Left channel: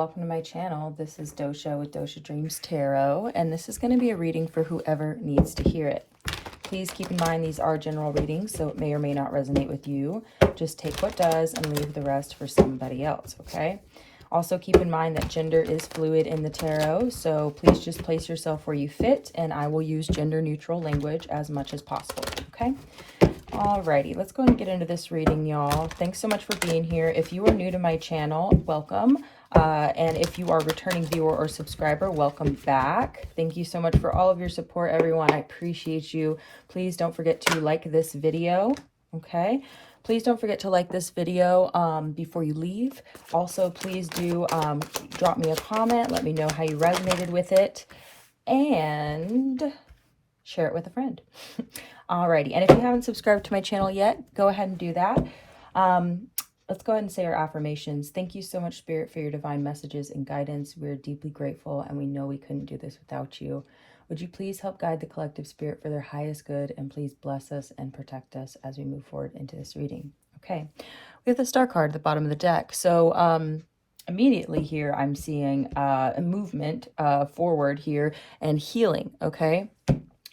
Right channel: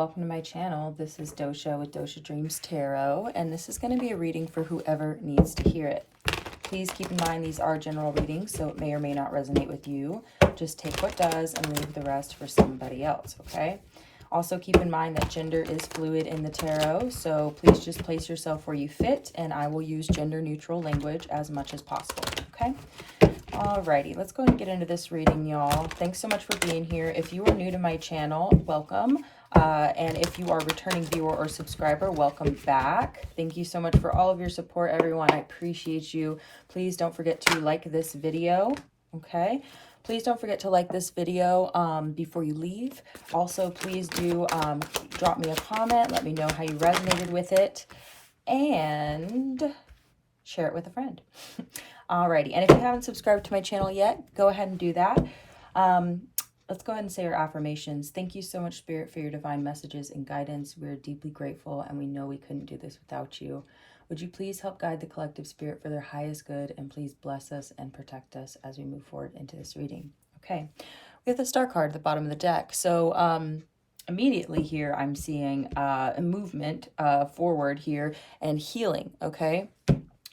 welcome to my channel. This is Dosha with DoshaDreamsTarot, and this is going to be a reading for whoever needs to hear it. Please keep in mind these are general readings, so it may or may not resonate with you. Just take what does and leave the rest for somebody else, okay? Also keep in mind that gender is fluid in the tarot, so please just place yourself where you fit, and I will use gender neutral language as much as possible, okay? Alrighty, let's go and get into this reading, y'all. Thanks so much for being here. If you are new to my channel, welcome. And if you are a returning viewer or subscriber, welcome back. Thank you so much for all of your support, everyone. I appreciate you. Please don't forget to like this video, okay? Please don't forget to like this video before you leave. Also, please do drop me a comment. Let me know how you resonated with it. And share it with a friend. Alrighty, and if you haven't subscribed to my channel yet, go ahead and do that. Let's go ahead and say our affirmations. Thank you so much, Spirit, for your divine messages and guidance. We're deeply grateful, and we know we couldn't do this without you. Would you please help guide the collective spirit for their highest good, and please bless us and protect us as we move forward into this reading. Okay, we have the Star card at the bottom of the deck. So immediately here, I'm seeing a movement forward here and healing, okay?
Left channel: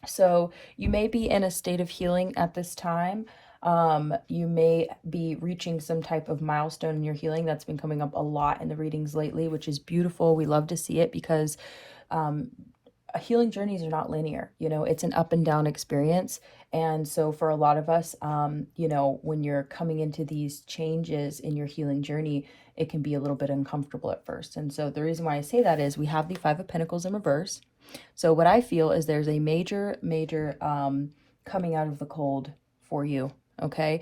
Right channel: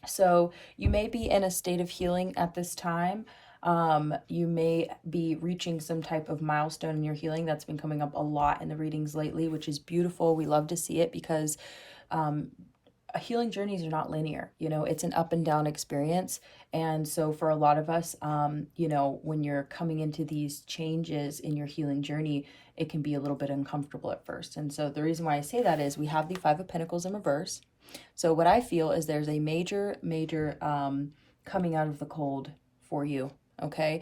So you may be in a state of healing at this time. You may be reaching some type of milestone in your healing. That's been coming up a lot in the readings lately, which is beautiful. We love to see it because healing journeys are not linear. You know, it's an up and down experience. And so for a lot of us, you know, when you're coming into these changes in your healing journey, it can be a little bit uncomfortable at first. And so the reason why I say that is we have the Five of Pentacles in reverse. So what I feel is there's a major coming out of the cold for you, okay?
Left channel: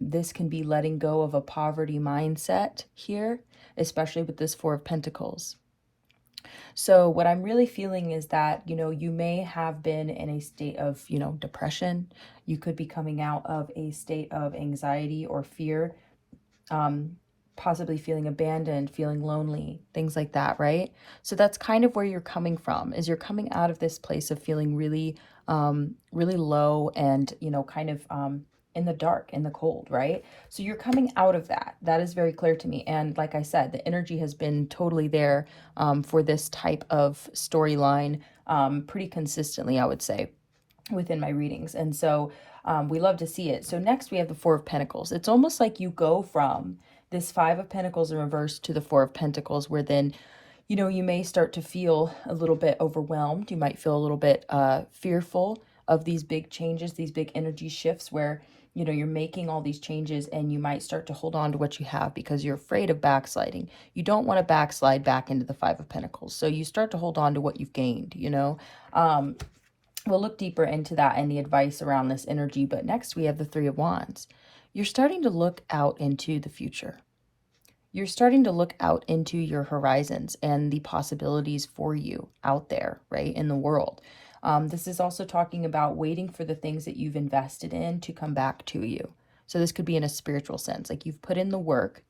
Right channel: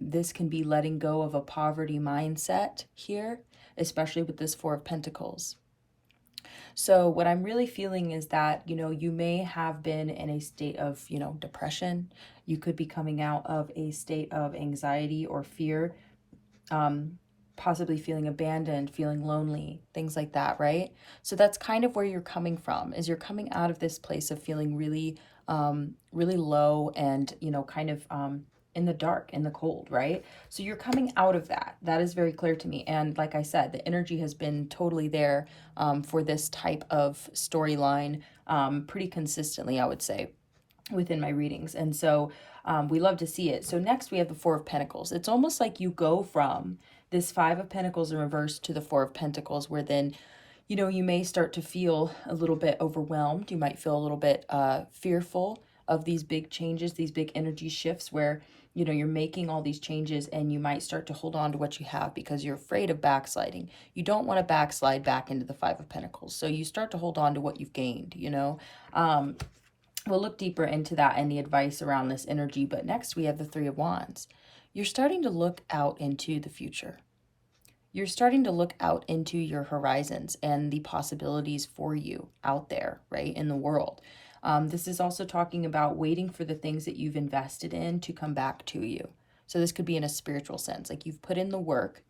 This can be letting go of a poverty mindset here, especially with this Four of Pentacles. So what I'm really feeling is that, you know, you may have been in a state of, you know, depression. You could be coming out of a state of anxiety or fear, possibly feeling abandoned, feeling lonely, things like that, right? So that's kind of where you're coming from, is you're coming out of this place of feeling really, really low and, you know, kind of in the dark, in the cold, right? So you're coming out of that. That is very clear to me. And like I said, the energy has been totally there for this type of storyline pretty consistently, I would say, within my readings. And so we love to see it. So next we have the Four of Pentacles. It's almost like you go from this Five of Pentacles in reverse to the Four of Pentacles, where then, you know, you may start to feel a little bit overwhelmed. You might feel a little bit fearful of these big changes, these big energy shifts where, you know, you're making all these changes and you might start to hold on to what you have because you're afraid of backsliding. You don't want to backslide back into the Five of Pentacles. So you start to hold on to what you've gained, you know. We'll look deeper into that and the advice around this energy. But next we have the Three of Wands. You're starting to look out into the future. You're starting to look out into your horizons and the possibilities for you out there, right, in the world. This is also talking about waiting for the things that you've invested in to come back to you. So this could be in a spiritual sense, like you've put in the work,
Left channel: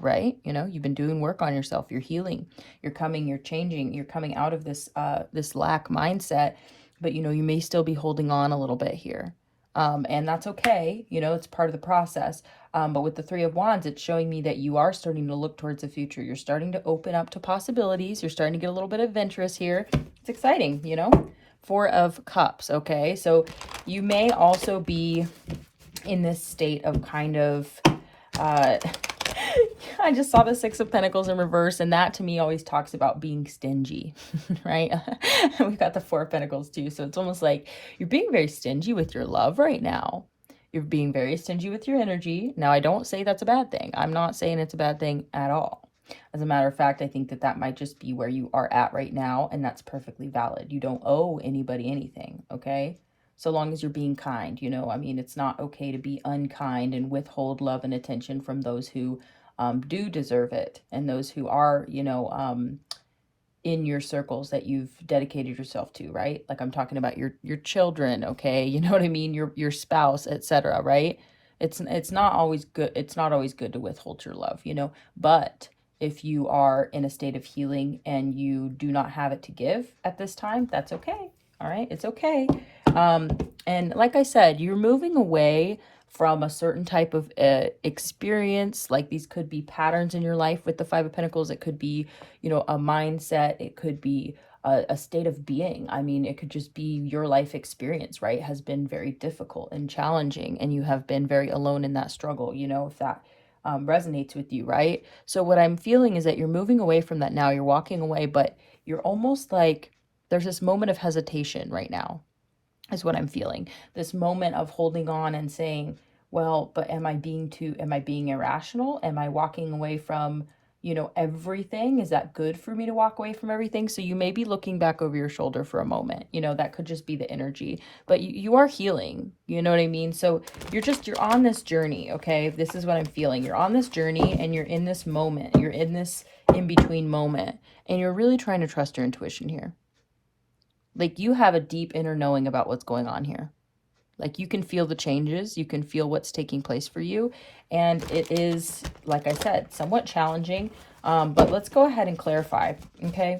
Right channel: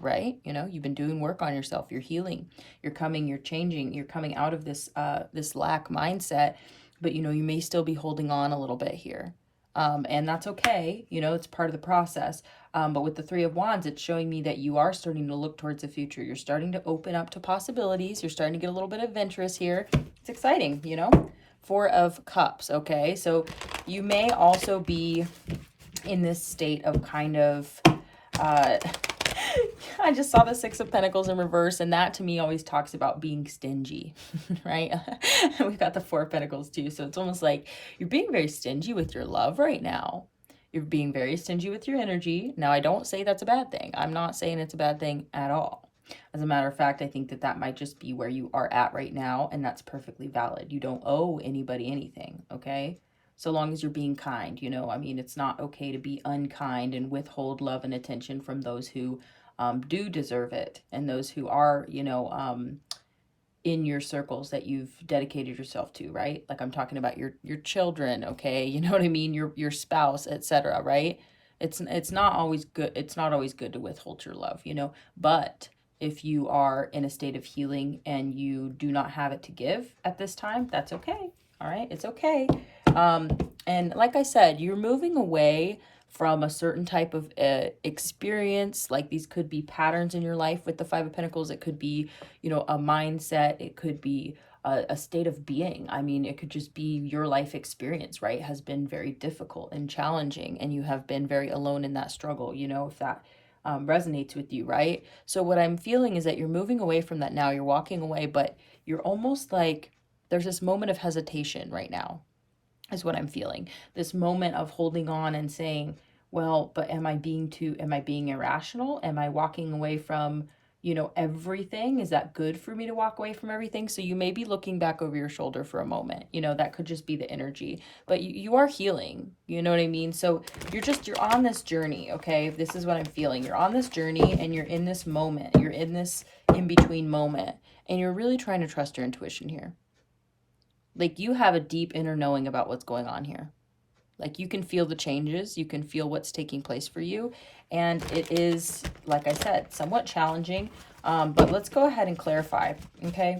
right? You know, you've been doing work on yourself. You're healing. You're coming. You're changing. You're coming out of this this lack mindset. But, you know, you may still be holding on a little bit here. And that's okay. You know, it's part of the process. But with the Three of Wands, it's showing me that you are starting to look towards the future. You're starting to open up to possibilities. You're starting to get a little bit adventurous here. It's exciting, you know. Four of Cups, okay? So you may also be in this state of kind of... I just saw the Six of Pentacles in reverse, and that to me always talks about being stingy, right? We've got the Four of Pentacles too, so it's almost like you're being very stingy with your love right now. You're being very stingy with your energy. Now, I don't say that's a bad thing. I'm not saying it's a bad thing at all. As a matter of fact, I think that that might just be where you are at right now, and that's perfectly valid. You don't owe anybody anything, okay? So long as you're being kind, you know, I mean, it's not okay to be unkind and withhold love and attention from those who do deserve it, and those who are, you know, in your circles that you've dedicated yourself to, right? Like I'm talking about your children, okay? You know what I mean? Your spouse, etc., right? It's not always good. It's not always good to withhold your love, you know, but if you are in a state of healing and you do not have it to give at this time, that's okay. All right, it's okay. And like I said, you're moving away from a certain type of experience. Like these could be patterns in your life with the Five of Pentacles. It could be, you know, a mindset. It could be a state of being. I mean, it could just be your life experience, right? Has been very difficult and challenging, and you have been very alone in that struggle, you know, if that resonates with you, right? So what I'm feeling is that you're moving away from that now. You're walking away, but you're almost like there's this moment of hesitation right now, is what I'm feeling. This moment of holding on and saying, well, but am I being irrational? Am I walking away from, you know, everything? Is that good for me to walk away from everything? So you may be looking back over your shoulder for a moment, you know, that could just be the energy, but you are healing, you know what I mean? So you're on this journey, okay? This is what I'm feeling. You're on this journey and you're in this moment, you're in this in-between moment, and you're really trying to trust your intuition here. Like you have a deep inner knowing about what's going on here. Like you can feel the changes, you can feel what's taking place for you. And it is, like I said, somewhat challenging, but let's go ahead and clarify, okay?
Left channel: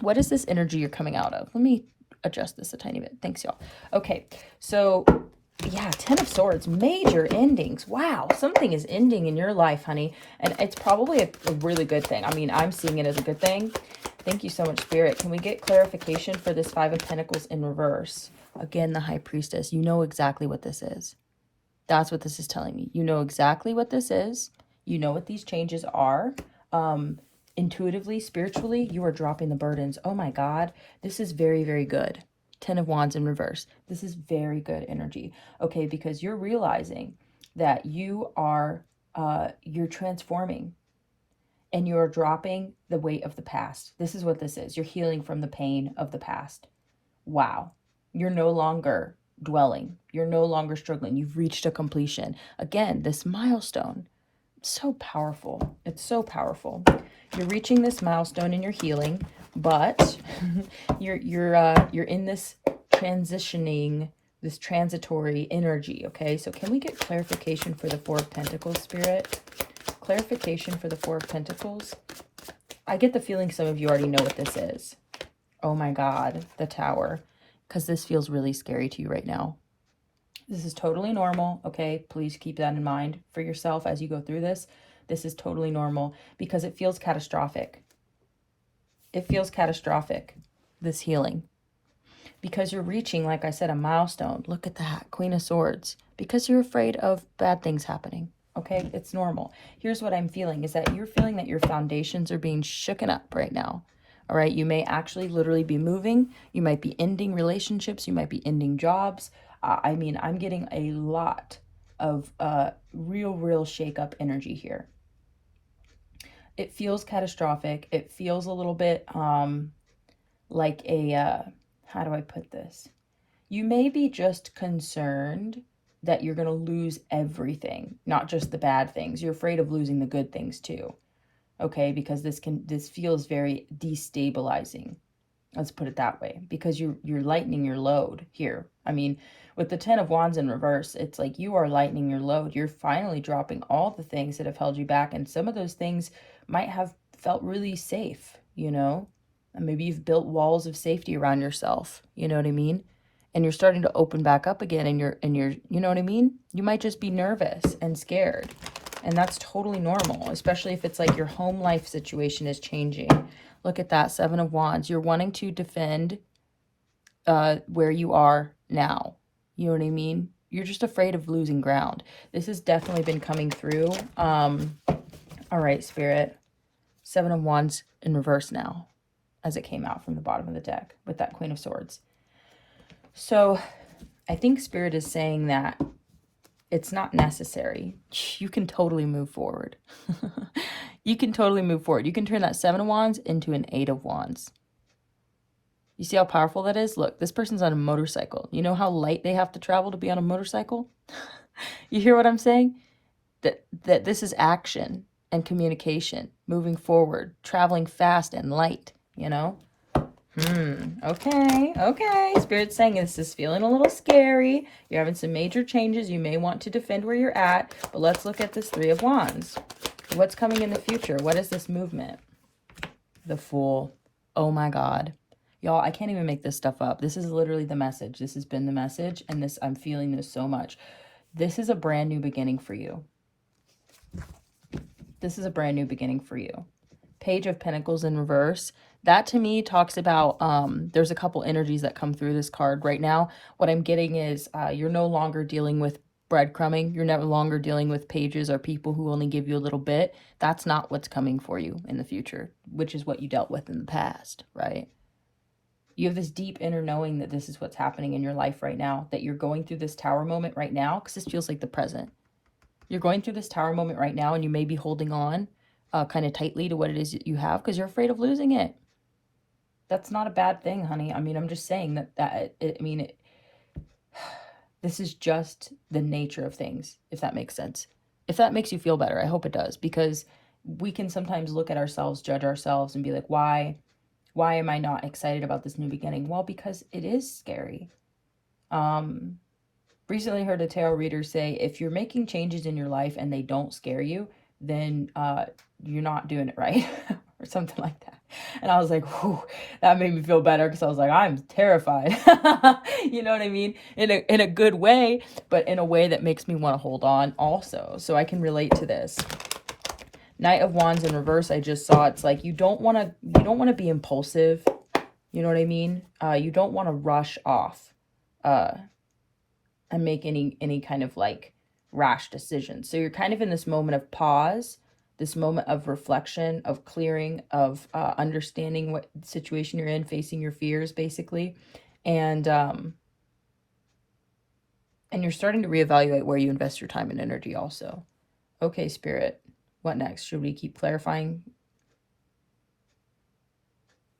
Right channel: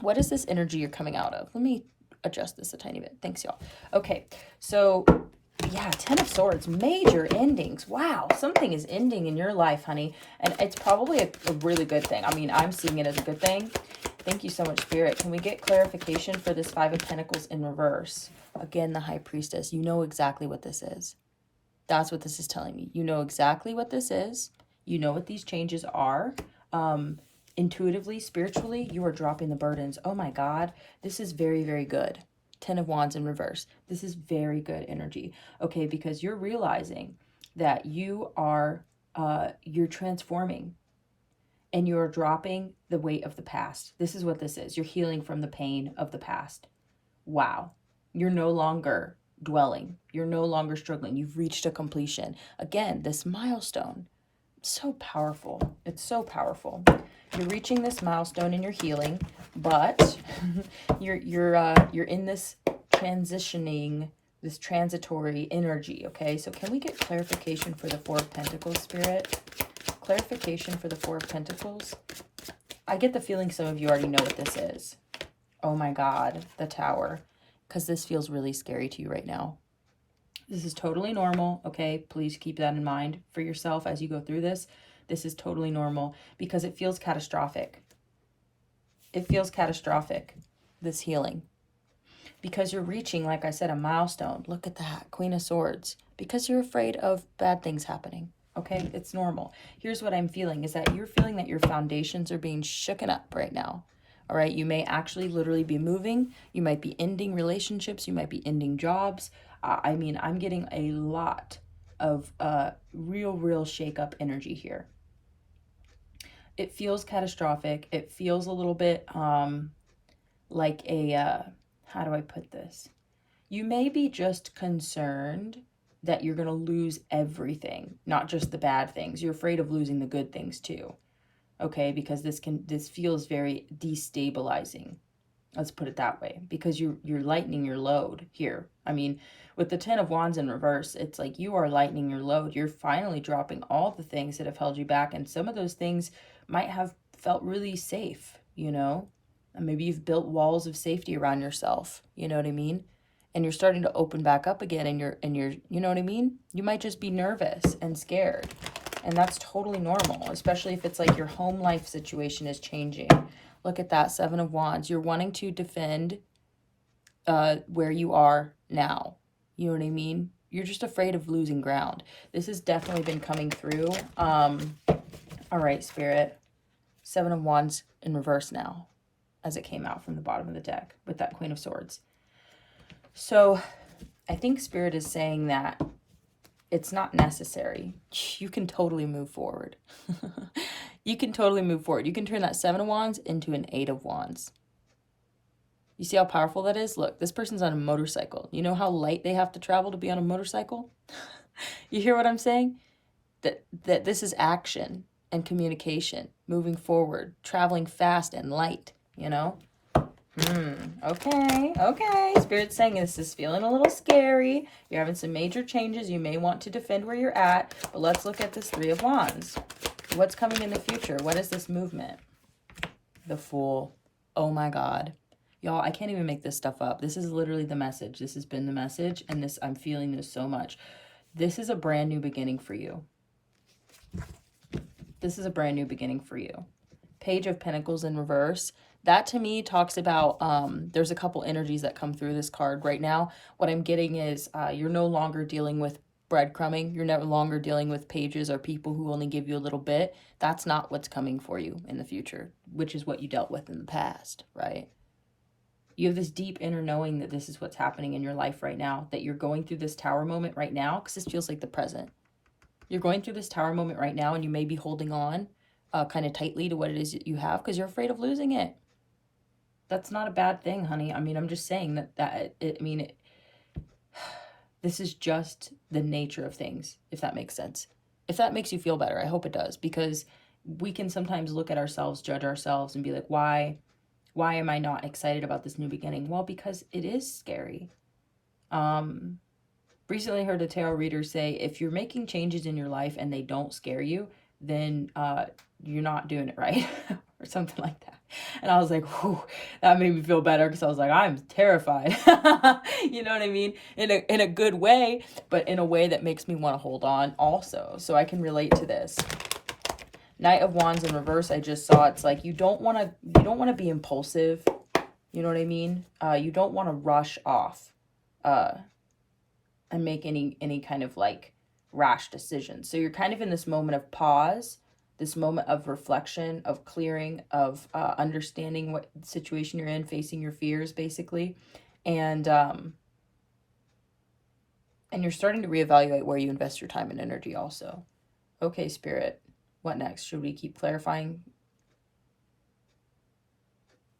What is this energy you're coming out of? Let me adjust this a tiny bit. Thanks, y'all. Okay, so yeah, Ten of Swords, major endings. Wow, something is ending in your life, honey. And it's probably a really good thing. I mean, I'm seeing it as a good thing. Thank you so much, Spirit. Can we get clarification for this Five of Pentacles in reverse? Again, the High Priestess. You know exactly what this is. That's what this is telling me. You know exactly what this is. You know what these changes are. Intuitively, spiritually, you are dropping the burdens. Oh my God, this is very, very good. Ten of Wands in reverse. This is very good energy. Okay, because you're realizing that you are, you're transforming. And you're dropping the weight of the past. This is what this is. You're healing from the pain of the past. Wow. You're no longer dwelling. You're no longer struggling. You've reached a completion. Again, this milestone. So powerful. It's so powerful. You're reaching this milestone in your healing, but you're in this transitioning, this transitory energy. Okay, so can we get clarification for the Four of Pentacles, Spirit? Clarification for the Four of Pentacles. I get the feeling some of you already know what this is. Oh my God, the Tower. Because this feels really scary to you right now. This is totally normal, okay? Please keep that in mind for yourself as you go through this. This is totally normal because it feels catastrophic. It feels catastrophic, this healing. Because you're reaching, like I said, a milestone. Look at that, Queen of Swords. Because you're afraid of bad things happening. Okay, it's normal. Here's what I'm feeling is that you're feeling that your foundations are being shooken up right now. All right, you may actually literally be moving. You might be ending relationships. You might be ending jobs. I mean, I'm getting a lot of real shake-up energy here. It feels catastrophic. It feels a little bit like a, how do I put this? You may be just concerned that you're going to lose everything, not just the bad things. You're afraid of losing the good things too. Okay, because this feels very destabilizing. Let's put it that way, because you're lightening your load here. I mean, with the Ten of Wands in reverse, it's like you are lightening your load. You're finally dropping all the things that have held you back, and some of those things might have felt really safe, you know? And maybe you've built walls of safety around yourself, you know what I mean? And you're starting to open back up again, and you're you know what I mean? You might just be nervous and scared. And that's totally normal, especially if it's like your home life situation is changing. Look at that, Seven of Wands. You're wanting to defend where you are now. You know what I mean? You're just afraid of losing ground. This has definitely been coming through. All right, Spirit. Seven of Wands in reverse now, as it came out from the bottom of the deck with that Queen of Swords. So I think Spirit is saying that it's not necessary. You can totally move forward. You can totally move forward. You can turn that Seven of Wands into an Eight of Wands. You see how powerful that is? Look, this person's on a motorcycle. You know how light they have to travel to be on a motorcycle? You hear what I'm saying? That this is action and communication, moving forward, traveling fast and light, you know? Okay. Spirit's saying this is feeling a little scary. You're having some major changes. You may want to defend where you're at, but let's look at this Three of Wands. What's coming in the future? What is this movement? The Fool. Oh my God. Y'all, I can't even make this stuff up. This is literally the message. This has been the message, and I'm feeling this so much. This is a brand new beginning for you. This is a brand new beginning for you. Page of Pentacles in reverse. That to me talks about, there's a couple energies that come through this card right now. What I'm getting is you're no longer dealing with breadcrumbing. You're no longer dealing with pages or people who only give you a little bit. That's not what's coming for you in the future, which is what you dealt with in the past, right? You have this deep inner knowing that this is what's happening in your life right now, that you're going through this tower moment right now, because this feels like the present. You're going through this tower moment right now, and you may be holding on kind of tightly to what it is that you have because you're afraid of losing it. That's not a bad thing, honey. I mean, I'm just saying this is just the nature of things, if that makes sense. If that makes you feel better, I hope it does, because we can sometimes look at ourselves, judge ourselves, and be like, why am I not excited about this new beginning? Well, because it is scary. Recently heard a tarot reader say, if you're making changes in your life and they don't scare you, then you're not doing it right, or something like that. And I was like, whew, that made me feel better, because I was like, I'm terrified. You know what I mean? In a good way, but in a way that makes me want to hold on also. So I can relate to this. Knight of Wands in reverse, I just saw. It's like you don't want to be impulsive. You know what I mean? You don't want to rush off and make any kind of like rash decisions. So you're kind of in this moment of pause, this moment of reflection, of clearing, of understanding what situation you're in, facing your fears, basically. And you're starting to reevaluate where you invest your time and energy also. Okay, Spirit, what next? Should we keep clarifying?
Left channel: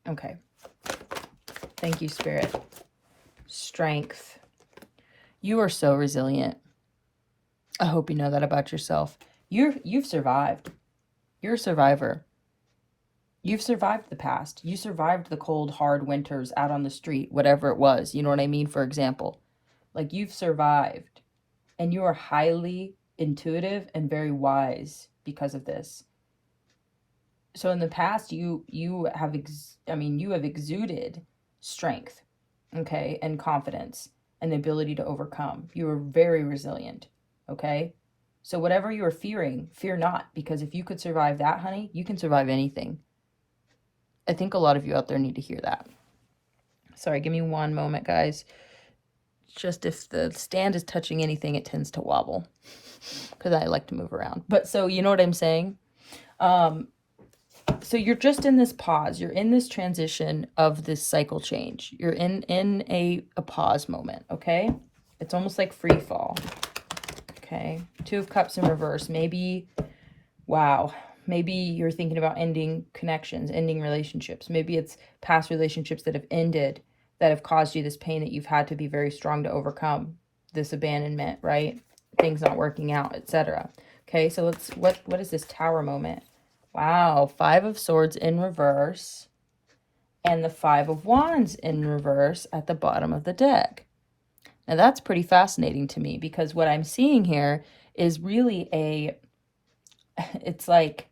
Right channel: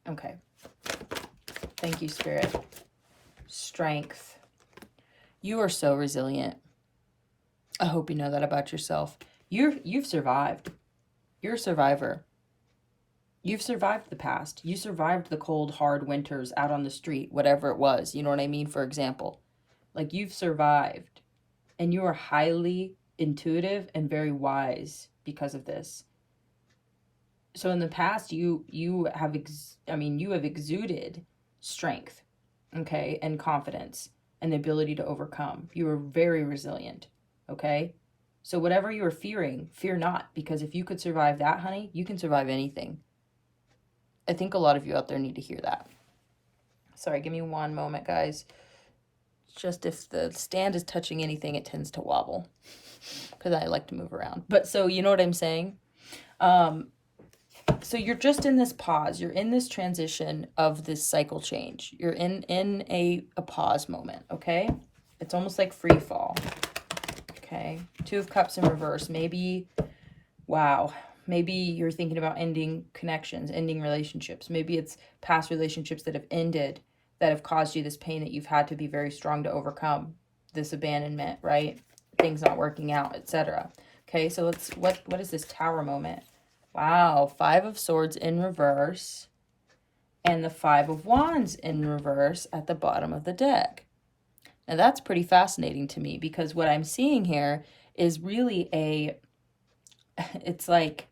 Okay. Thank you, Spirit. Strength. You are so resilient. I hope you know that about yourself. You've survived. You're a survivor. You've survived the past. You survived the cold, hard winters out on the street, whatever it was. You know what I mean? For example, like, you've survived, and you are highly intuitive and very wise because of this. So in the past, you have exuded strength, okay, and confidence and the ability to overcome. You are very resilient, okay? So whatever you are fearing, fear not, because if you could survive that, honey, you can survive anything. I think a lot of you out there need to hear that. Sorry, give me one moment, guys. Just if the stand is touching anything, it tends to wobble because I like to move around. But so you know what I'm saying? So you're just in this pause. You're in this transition of this cycle change. You're in a pause moment, okay? It's almost like free fall. Okay, Two of Cups in reverse. Maybe, wow, maybe you're thinking about ending connections, ending relationships. Maybe it's past relationships that have ended, that have caused you this pain that you've had to be very strong to overcome. This abandonment, right? Things not working out, etc. Okay, so let's, what is this Tower moment? Wow, Five of Swords in reverse and the Five of Wands in reverse at the bottom of the deck. Now that's pretty fascinating to me, because what I'm seeing here is really it's like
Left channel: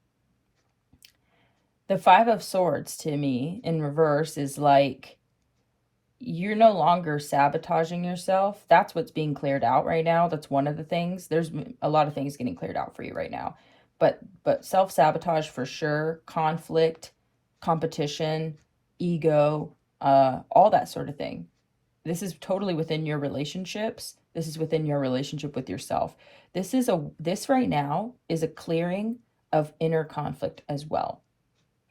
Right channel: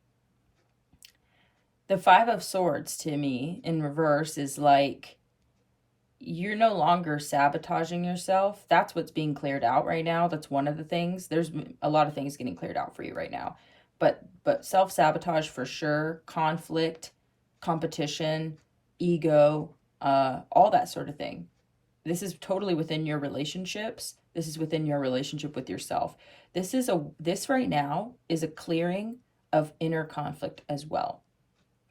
the Five of Swords to me in reverse is like you're no longer sabotaging yourself. That's what's being cleared out right now. That's one of the things. There's a lot of things getting cleared out for you right now. But self-sabotage for sure, conflict, competition, ego, all that sort of thing. This is totally within your relationships. This is within your relationship with yourself. This right now is a clearing of inner conflict as well.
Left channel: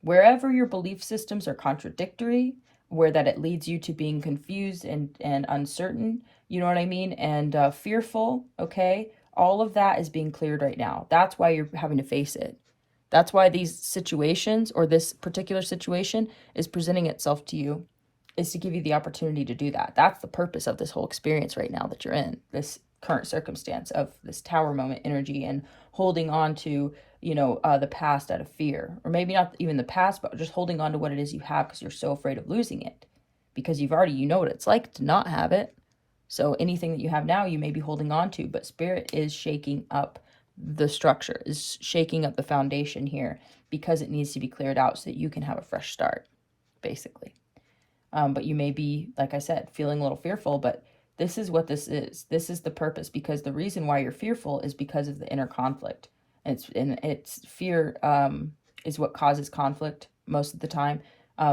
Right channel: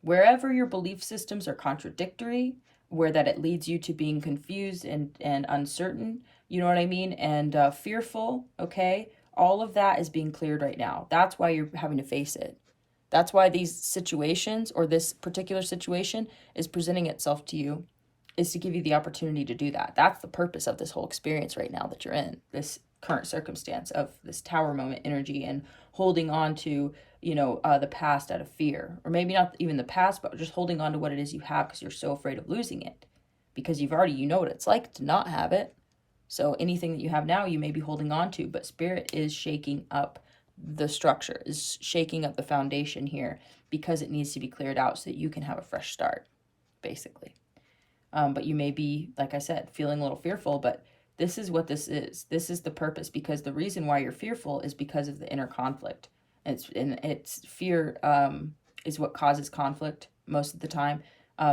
Wherever your belief systems are contradictory, where that it leads you to being confused and uncertain, you know what I mean? And fearful, okay? All of that is being cleared right now. That's why you're having to face it. That's why these situations, or this particular situation, is presenting itself to you, is to give you the opportunity to do that. That's the purpose of this whole experience right now that you're in, this current circumstance of this Tower moment energy and holding on to, you know, the past out of fear. Or maybe not even the past, but just holding on to what it is you have because you're so afraid of losing it. Because you know what it's like to not have it. So anything that you have now, you may be holding on to, but Spirit is shaking up the structure, is shaking up the foundation here, because it needs to be cleared out so that you can have a fresh start, basically. But you may be, like I said, feeling a little fearful, but This is what this is. This is the purpose, because the reason why you're fearful is because of the inner conflict. And it's fear is what causes conflict most of the time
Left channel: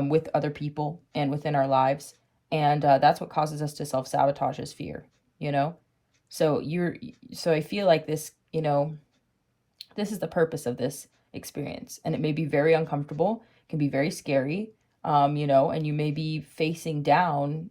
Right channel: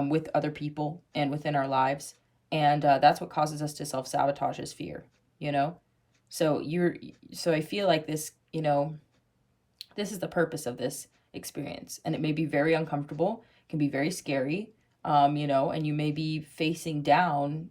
with other people and within our lives. And that's what causes us to self-sabotage, is fear, you know? So I feel like this, you know, this is the purpose of this experience. And it may be very uncomfortable, can be very scary, you know, and you may be facing down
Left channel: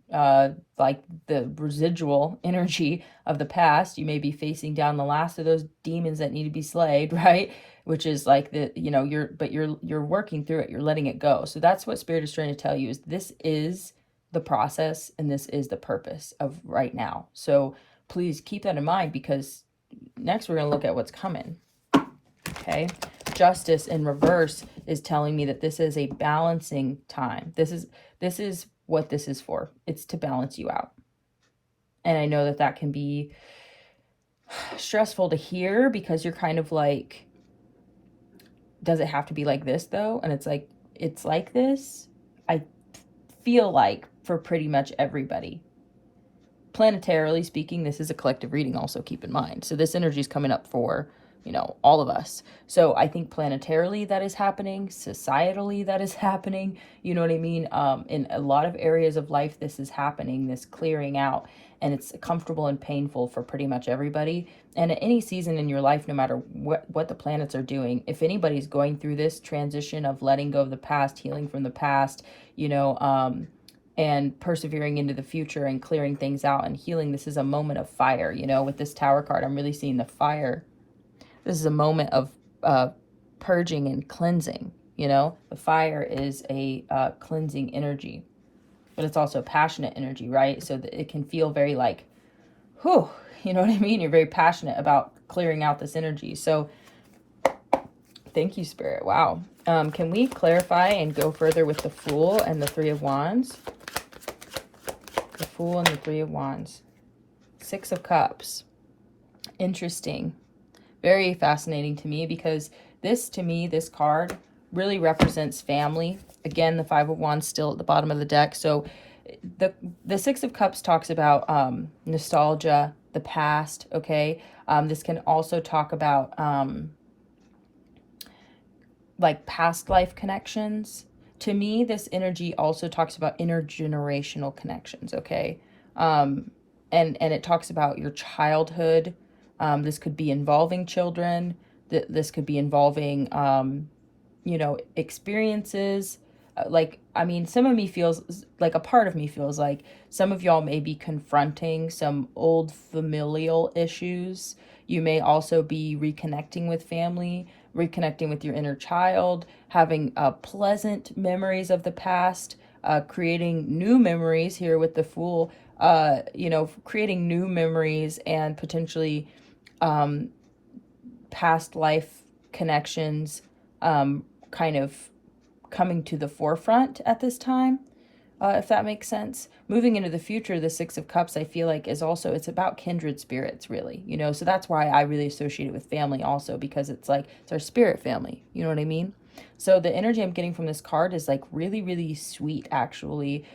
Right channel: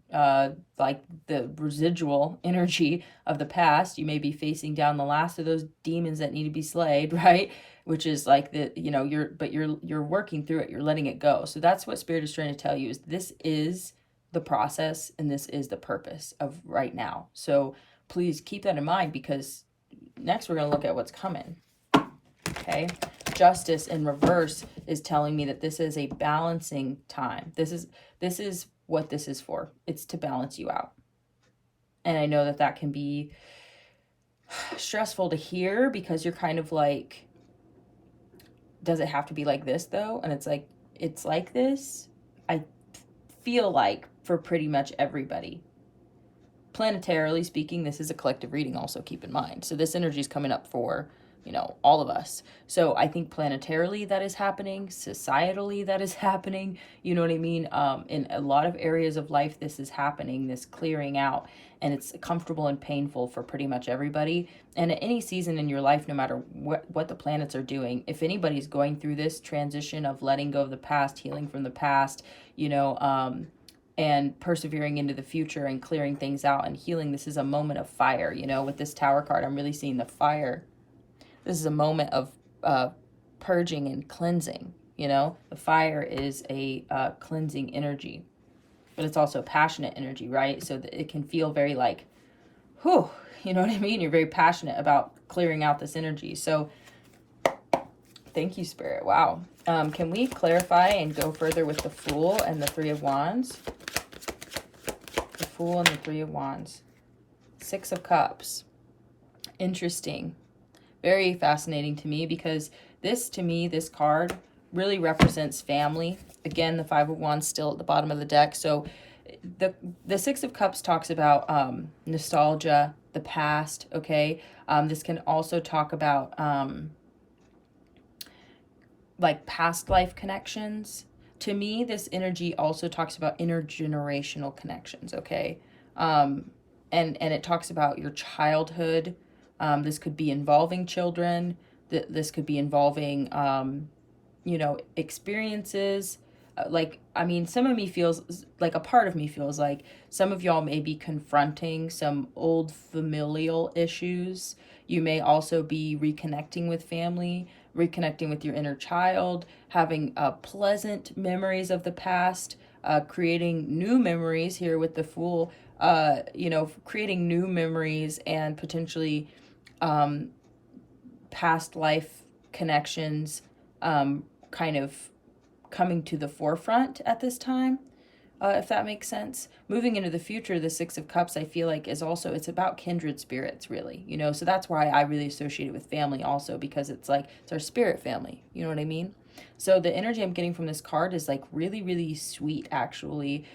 like the residual energy of the past. You may be facing down the last of those demons that need to be slayed, right? Which is like the, you know, you're working through it, you're letting it go. So that's what Spirit is trying to tell you, is this is the process and this is the purpose of right now. So please keep that in mind, because next we're going to look at what's coming. Okay, Justice in reverse is telling me that this is a balancing time. This is what this is for. It's to balance you out. And I know that that can be stressful to hear, because you're kind of like, does it have to be like this though? And it's like this. I feel like for pretty much everybody. Planetarily speaking, this is a collective reading also, keep in mind. So this energy is coming up for, you know, all of us. So I think planetarily that is happening, societally that is happening, you know what I mean? In a lot of areas of life, this is happening, this clearing out, and it's comfortable and painful for pretty much everybody. And at any season in your life, no matter what the planets are doing, if anybody's going through this transition of letting go of the past, healing from the past, you know, and persevering into the future and clearing things out and healing, this is a moment of fire, you know, with this Tower card, I'm really seeing the fire. This is a moment of purging and cleansing, you know. The fire is a cleansing energy, but it's also passionate energy, right? So that it can feel very like, whew, you know what I mean? You're very passionate about clearing out this energy. So thank you, Spirit. Wow. Can we clarify and go further with the Fool and the Three of Wands? The Fool and the Three of Wands. Six of Cups. Interesting. Very fascinating to me, because this, to me, this card really represents family. Again, the Five of Wands still at the bottom of the deck. So the Six of Cups talks about nostalgia, the past, okay? This can also talk about like past life connections. To me, this energy also talks about intergenerational connections, okay? And it talks about your childhood. This could be involving children. This could be involving, you know, experiences. Like, I mean, some of me feels like, a part of me feels like some of y'all may be confronting some old familial issues. You may also be reconnecting with family, reconnecting with your inner child, having pleasant memories of the past, creating new memories here with the Fool, you know, creating new memories and potentially past life connections kind of coming to the forefront at this time, if that makes sense. Moving into the future, the Six of Cups, I feel like, is also, it's about kindred spirits, really, you know. So that's why I really associate it with family also, because it's like, it's our spirit family, you know what I mean? So the energy I'm getting from this card is like really, really sweet, actually,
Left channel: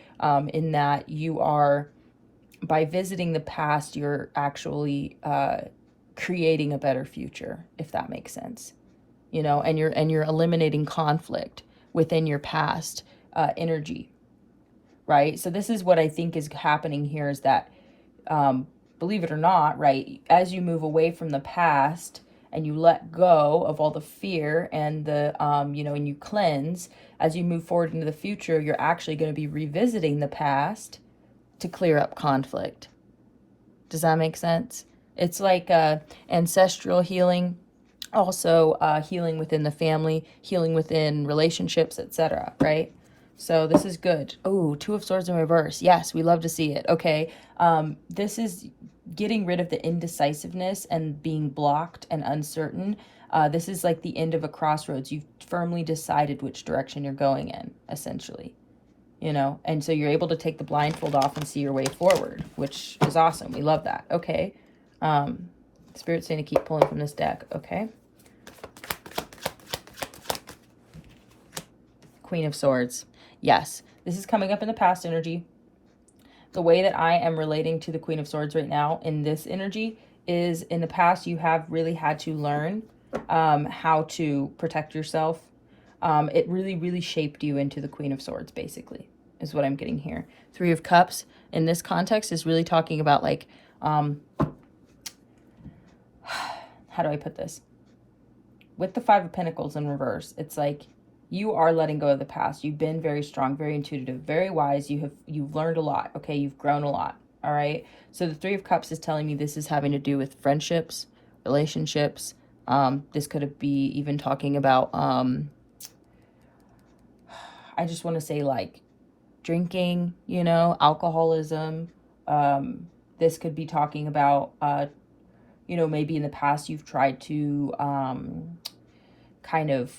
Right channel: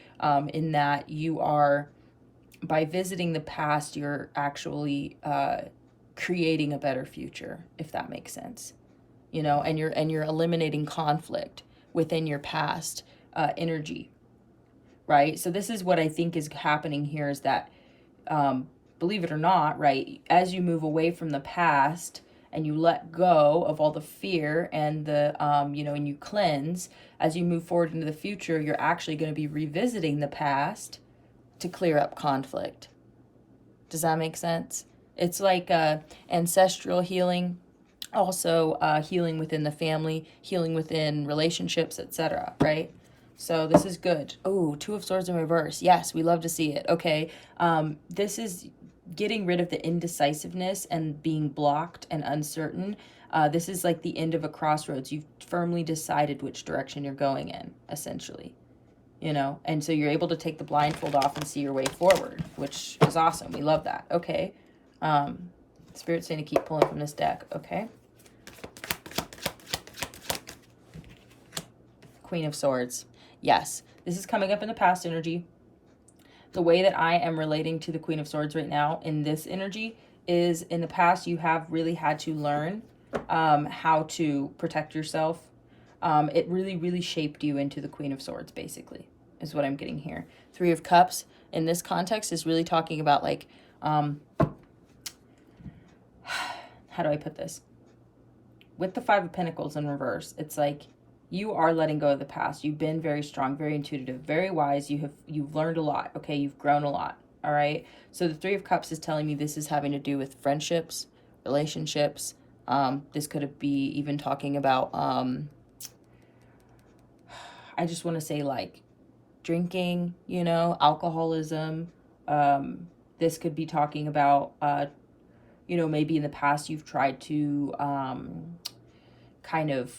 in that you are, by visiting the past, you're actually creating a better future, if that makes sense, you know, and you're eliminating conflict within your past energy, right? So this is what I think is happening here, is that believe it or not, right, as you move away from the past and you let go of all the fear and the you know, and you cleanse, as you move forward into the future, you're actually going to be revisiting the past to clear up conflict. Does that make sense? It's like ancestral healing, also healing within the family, healing within relationships, etc., right? So this is good. Oh, Two of Swords in reverse. Yes, we love to see it. Okay, this is getting rid of the indecisiveness and being blocked and uncertain. This is like the end of a crossroads. You've firmly decided which direction you're going in, essentially. You know, and so you're able to take the blindfold off and see your way forward, which is awesome. We love that. Okay. Spirit's saying to keep pulling from this deck. Okay. Queen of Swords. Yes, this is coming up in the past energy. the way that I am relating to the Queen of Swords right now in this energy is, in the past, you have really had to learn how to protect yourself. It really, really shaped you into the Queen of Swords, basically, is what I'm getting here. Three of Cups in this context is really talking about, like, how do I put this? With the Five of Pentacles in reverse, it's like you are letting go of the past. You've been very strong, very intuitive, very wise. You've learned a lot, okay? You've grown a lot, all right? So the Three of Cups is telling me this is having to do with friendships, relationships. This could be even talking about, I just want to say, like, drinking, you know, alcoholism. This could be talking about, you know, maybe in the past you've tried to kind of,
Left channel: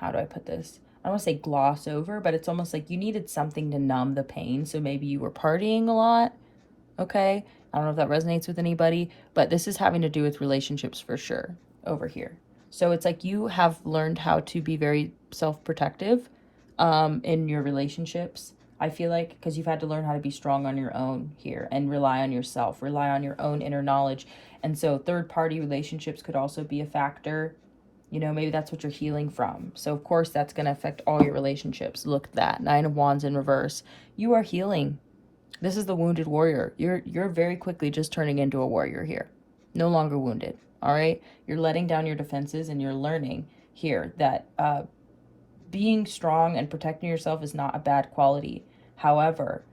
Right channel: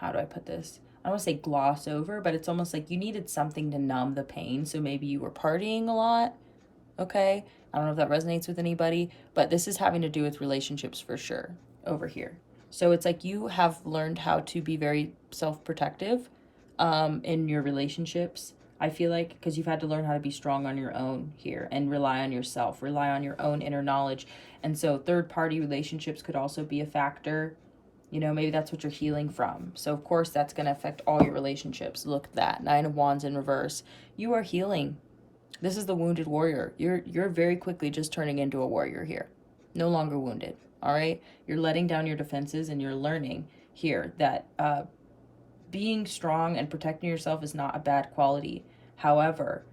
how do I put this? I don't want to say gloss over, but it's almost like you needed something to numb the pain. So maybe you were partying a lot, okay? I don't know if that resonates with anybody, but this is having to do with relationships for sure over here. So it's like you have learned how to be very self-protective in your relationships, I feel like, because you've had to learn how to be strong on your own here and rely on yourself, rely on your own inner knowledge. And so third-party relationships could also be a factor. You know, maybe that's what you're healing from. So, of course, that's going to affect all your relationships. Look at that. Nine of Wands in reverse. You are healing. This is the wounded warrior. You're very quickly just turning into a warrior here. No longer wounded, all right? You're letting down your defenses and you're learning here that being strong and protecting yourself is not a bad quality. However,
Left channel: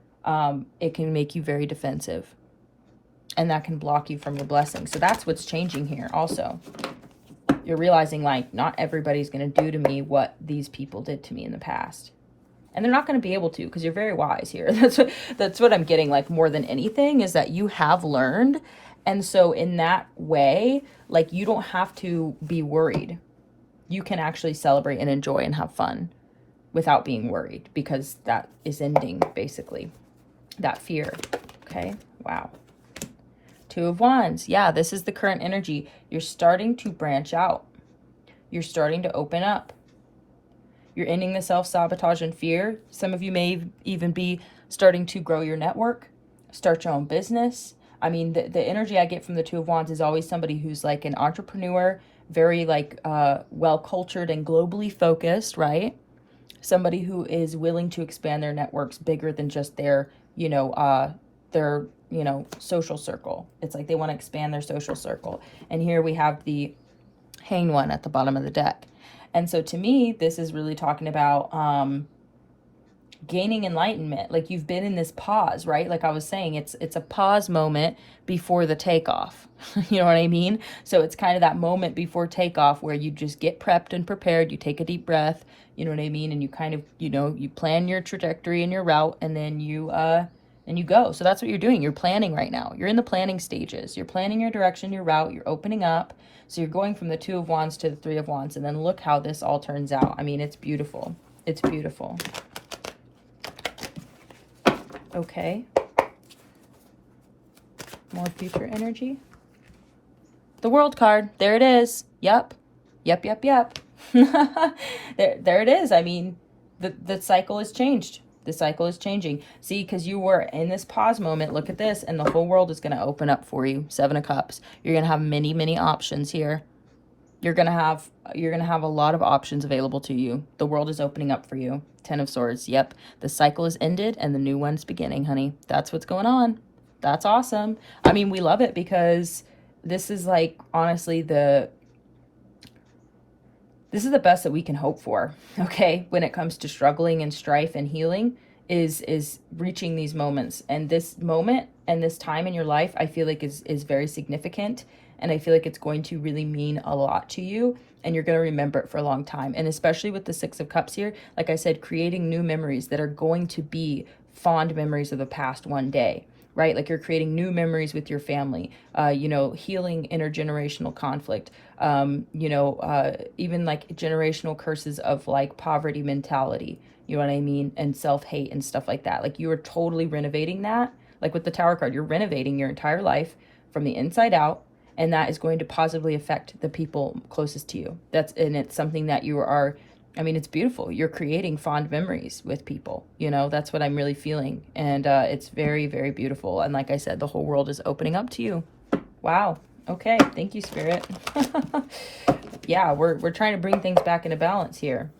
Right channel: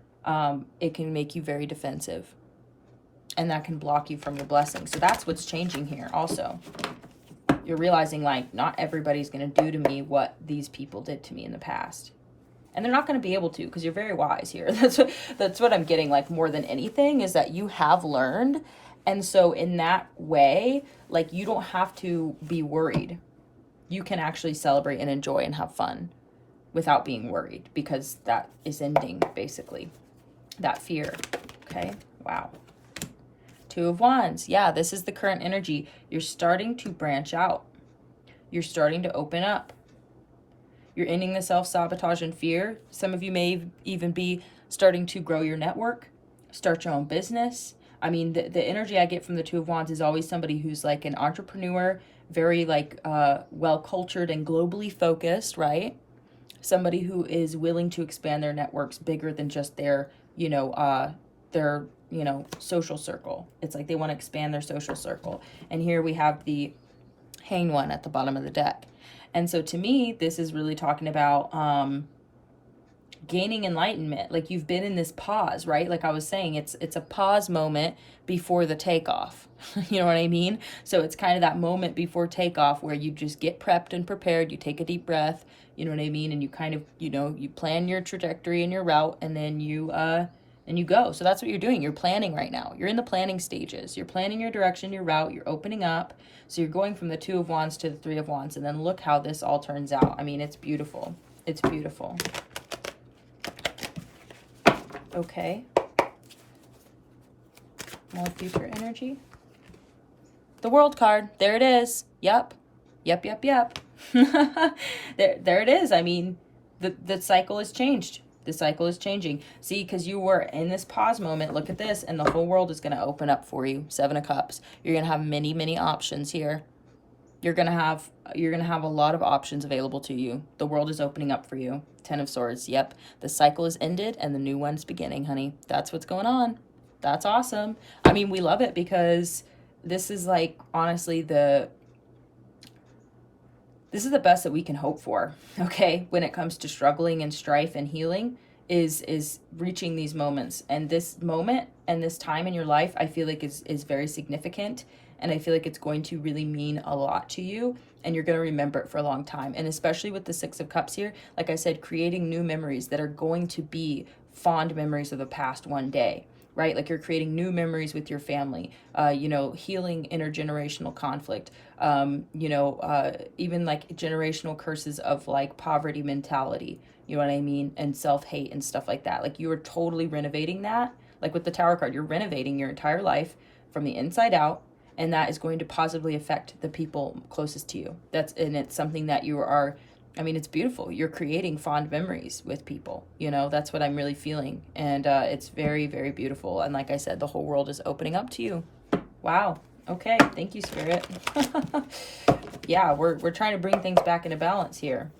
it can make you very defensive. And that can block you from your blessings. So that's what's changing here also. You're realizing, like, not everybody's going to do to me what these people did to me in the past. And they're not going to be able to, because you're very wise here. That's what I'm getting, like, more than anything, is that you have learned. And so in that way, like, you don't have to be worried. You can actually celebrate and enjoy and have fun without being worried, because that is ending, basically, that fear. Okay? Wow. Two of Wands. Yeah, this is the current energy. You're starting to branch out. You're starting to open up. You're ending the self-sabotage and fear. Some of you may even be starting to grow your network, start your own business. I mean, the energy I get from the Two of Wands is always somebody who's like an entrepreneur, very like well-cultured and globally focused, right? Somebody who is willing to expand their networks bigger than just their, social circle. It's like they want to expand their social circle. And here we have the Hanged One at the bottom of the deck. And so to me, this is really talking about gaining enlightenment. Like, you've been in this pause, right? Like I was saying, it's a pause moment before the takeoff. You know what I mean? So it's kind of that moment before takeoff where you just get prepped and prepared. You take a deep breath, you know what I mean? And you kind of, you plan your trajectory and your route, and then you go. So that's what you're doing. You're planning right now. You're in the planning stages. You're planning your direction, your route. You're opening up. So you're going from the Two of Wands to the Three of Wands. And then look how this all turns out. I mean, it's beautiful. It's beautiful. Okay. More future energy. The World card. There it is. Yep. Yep. There it is. I mean, the cycle has changed. The cycle is changing. See, because you were in this pause moment, look at this, and the whole world is going to open up for you. Seven of Cups. You're going to have many, many options here. You're going to have a lot of options available to you. The world is opening up for you. Ten of Swords. Yep. The cycle is ended and the new one's beginning, honey. That's what's going on. That's awesome. I mean, we love it because this is like, honestly, this is the best that we can hope for, okay? When it comes to struggling and strife and healing, is reaching these moments. And this moment and this time in your life, I feel like is very significant. And I feel like it's going to really mean a lot to you. And you're going to remember it for a long time. And especially with the Six of Cups here, like I said, creating new memories that are going to be fond memories of the past one day. Right? Like, you're creating new memories with your family, healing intergenerational conflict, even like generational curses of like poverty mentality, you know what I mean? And self-hate and stuff like that. Like, you are totally renovating that. Like with the Tower card, you're renovating your entire life from the inside out. And that is going to positively affect the people closest to you. And it's something that you are I mean, it's beautiful. You're creating fond memories with people. You know, that's what I'm really feeling. And it's very, very beautiful. And like I said, the whole world is opening up to you. Wow. Okay. Thank you, Spirit. Yeah, we're trying to bring things back into balance here.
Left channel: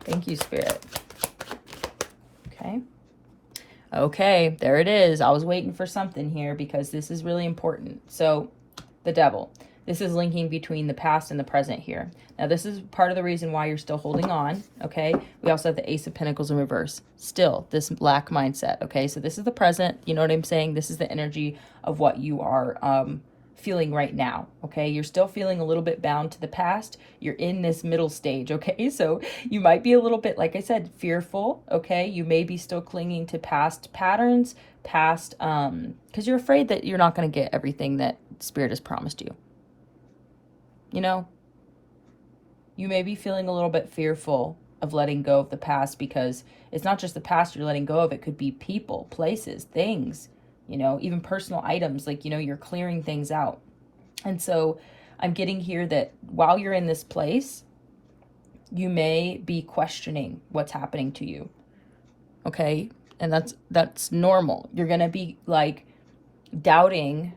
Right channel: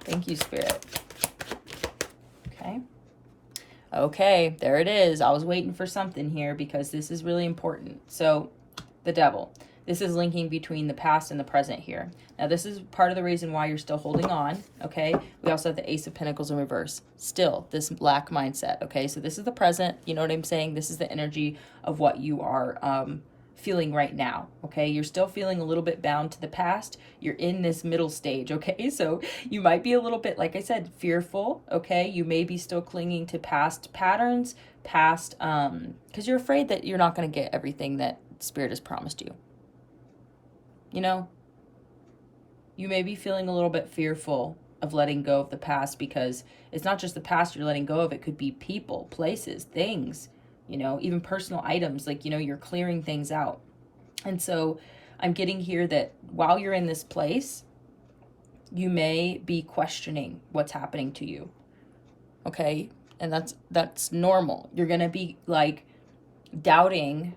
Thank you, Spirit. Okay. Okay, there it is. I was waiting for something here because this is really important. So, the Devil. This is linking between the past and the present here. Now, this is part of the reason why you're still holding on, okay? We also have the Ace of Pentacles in reverse. Still, this lack mindset, okay? So this is the present, you know what I'm saying? This is the energy of what you are feeling right now, okay? You're still feeling a little bit bound to the past. You're in this middle stage, okay? So you might be a little bit, like I said, fearful, okay? You may be still clinging to past patterns, past, because you're afraid that you're not going to get everything that Spirit has promised you. You know, you may be feeling a little bit fearful of letting go of the past because it's not just the past you're letting go of. It could be people, places, things, you know, even personal items. Like, you know, you're clearing things out. And so I'm getting here that while you're in this place, you may be questioning what's happening to you. Okay. And that's normal. You're going to be like doubting.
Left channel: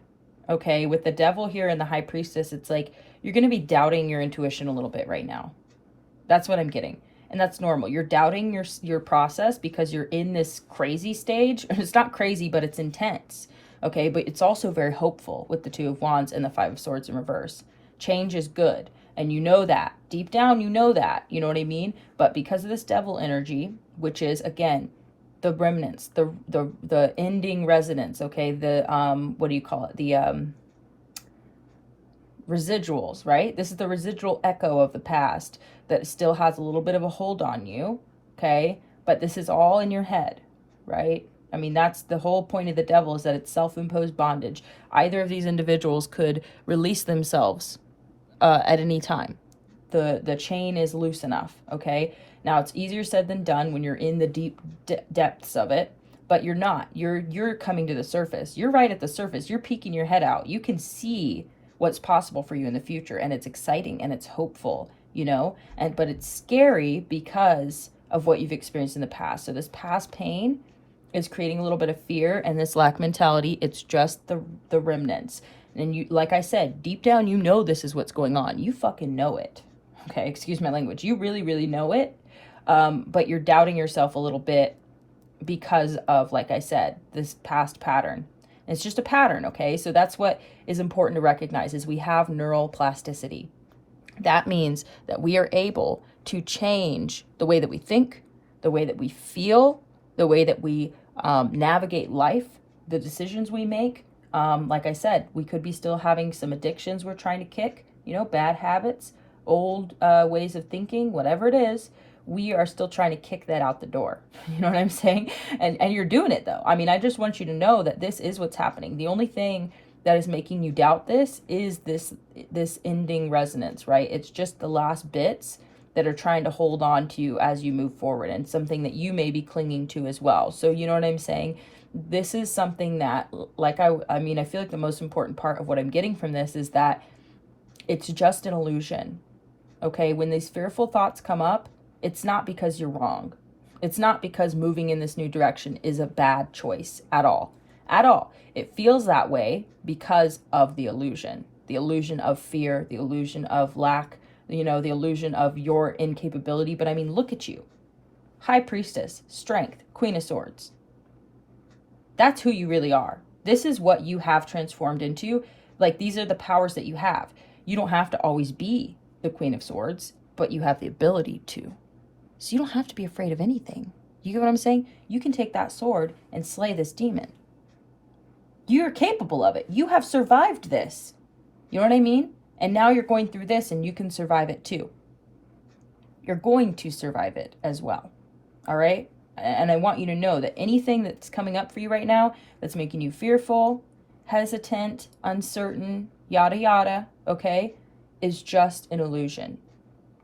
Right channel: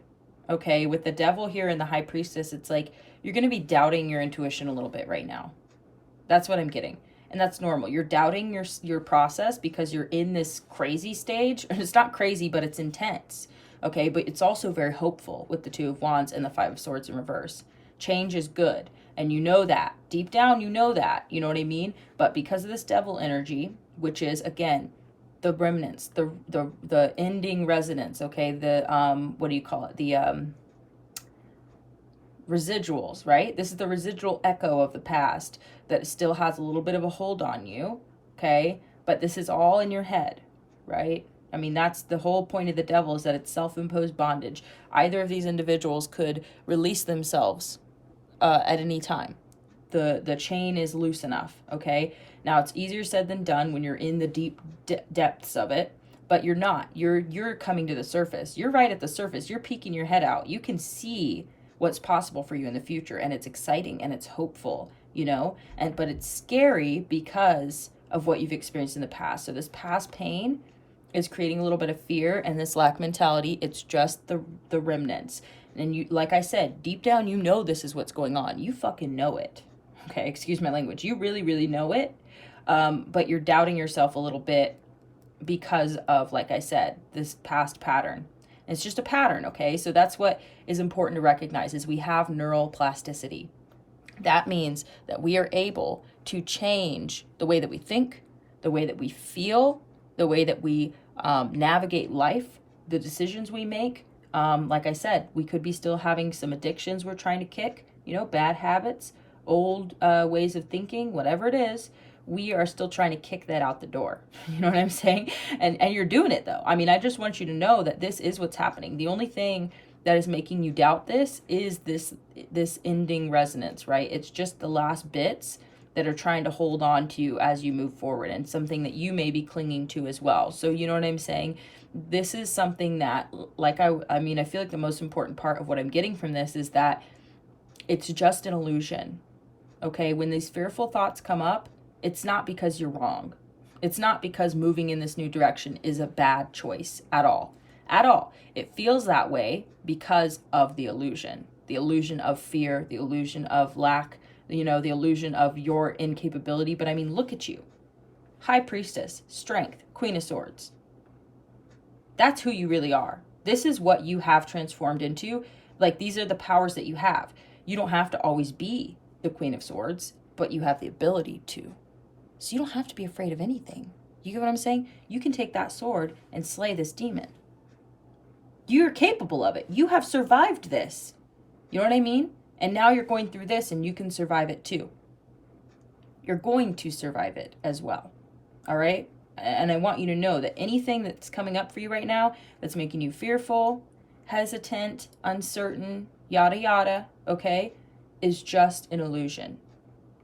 Okay. With the Devil here and the High Priestess, it's like, you're going to be doubting your intuition a little bit right now. That's what I'm getting. And that's normal. You're doubting your process because you're in this crazy stage. And it's not crazy, but it's intense. Okay, but it's also very hopeful with the Two of Wands and the Five of Swords in reverse. Change is good. And you know that. Deep down, you know that. You know what I mean? But because of this Devil energy, which is, again, the remnants, the ending resonance, okay? The, what do you call it? The, residuals, right? This is the residual echo of the past that still has a little bit of a hold on you, okay? But this is all in your head, right? I mean, that's the whole point of the Devil, is that it's self-imposed bondage. Either of these individuals could release themselves at any time. The chain is loose enough, okay? Now, it's easier said than done when you're in the deep depths of it, but you're not. You're coming to the surface. You're right at the surface. You're peeking your head out. You can see what's possible for you in the future, and it's exciting and it's hopeful, you know, but it's scary because of what you've experienced in the past. So this past pain is creating a little bit of fear, and this lack mentality, it's just the remnants. And you, like I said, deep down, you know this is what's going on. You fucking know it. Okay, excuse my language. You really, really know it, but you're doubting yourself a little bit because of, like I said, this past pattern. It's just a pattern, okay? So that's what is important to recognize, is we have neural plasticity. That means that we are able to change the way that we think, the way that we feel, the way that we navigate life, the decisions we make. Like I said, we could be still having some addictions we're trying to kick, you know, bad habits, old ways of thinking, whatever it is. We are still trying to kick that out the door. You know what I'm saying? And you're doing it, though. I mean, I just want you to know that this is what's happening. The only thing that is making you doubt this is this ending resonance, right? It's just the last bits that are trying to hold on to you as you move forward, and something that you may be clinging to as well. So you know what I'm saying? This is something that, like, I mean, I feel like the most important part of what I'm getting from this is that it's just an illusion, okay? When these fearful thoughts come up, it's not because you're wrong. It's not because moving in this new direction is a bad choice at all. At all. It feels that way because of the illusion of fear, the illusion of lack, you know, the illusion of your incapability. But I mean, look at you. High Priestess, Strength, Queen of Swords. That's who you really are. This is what you have transformed into. Like, these are the powers that you have. You don't have to always be the Queen of Swords, but you have the ability to. So you don't have to be afraid of anything. You get what I'm saying? You can take that sword and slay this demon. You're capable of it. You have survived this. You know what I mean? And now you're going through this, and you can survive it too. You're going to survive it as well. All right? And I want you to know that anything that's coming up for you right now that's making you fearful, hesitant, uncertain, yada yada, okay, is just an illusion.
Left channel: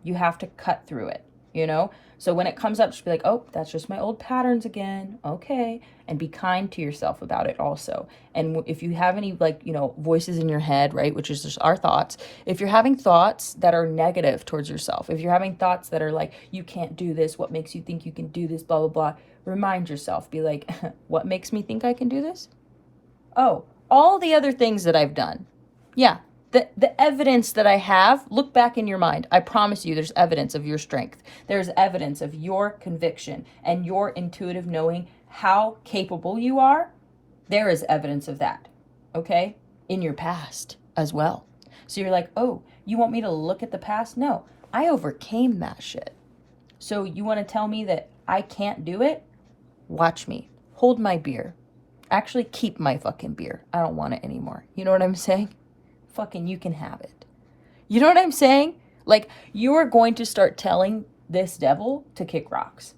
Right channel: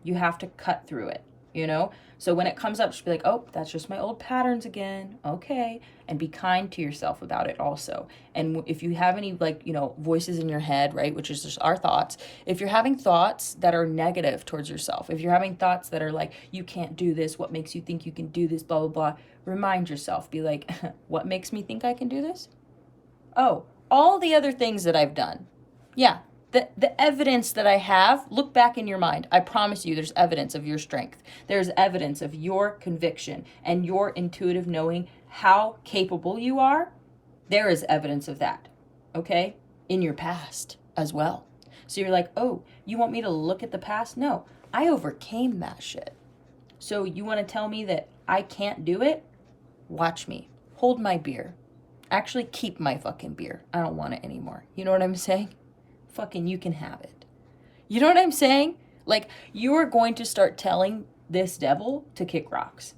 You have to cut through it, you know? So when it comes up, just be like, oh, that's just my old patterns again. Okay. And be kind to yourself about it also. And if you have any, like, you know, voices in your head, right, which is just our thoughts, if you're having thoughts that are negative towards yourself, if you're having thoughts that are like, you can't do this, what makes you think you can do this, blah, blah, blah, remind yourself, be like, what makes me think I can do this? Oh, all the other things that I've done. Yeah. The evidence that I have, look back in your mind. I promise you there's evidence of your strength. There's evidence of your conviction and your intuitive knowing how capable you are. There is evidence of that, okay? In your past as well. So you're like, oh, you want me to look at the past? No, I overcame that shit. So you want to tell me that I can't do it? Watch me. Hold my beer. Actually, keep my fucking beer. I don't want it anymore. You know what I'm saying? Fucking you can have it. You know what I'm saying? Like, you are going to start telling this devil to kick rocks.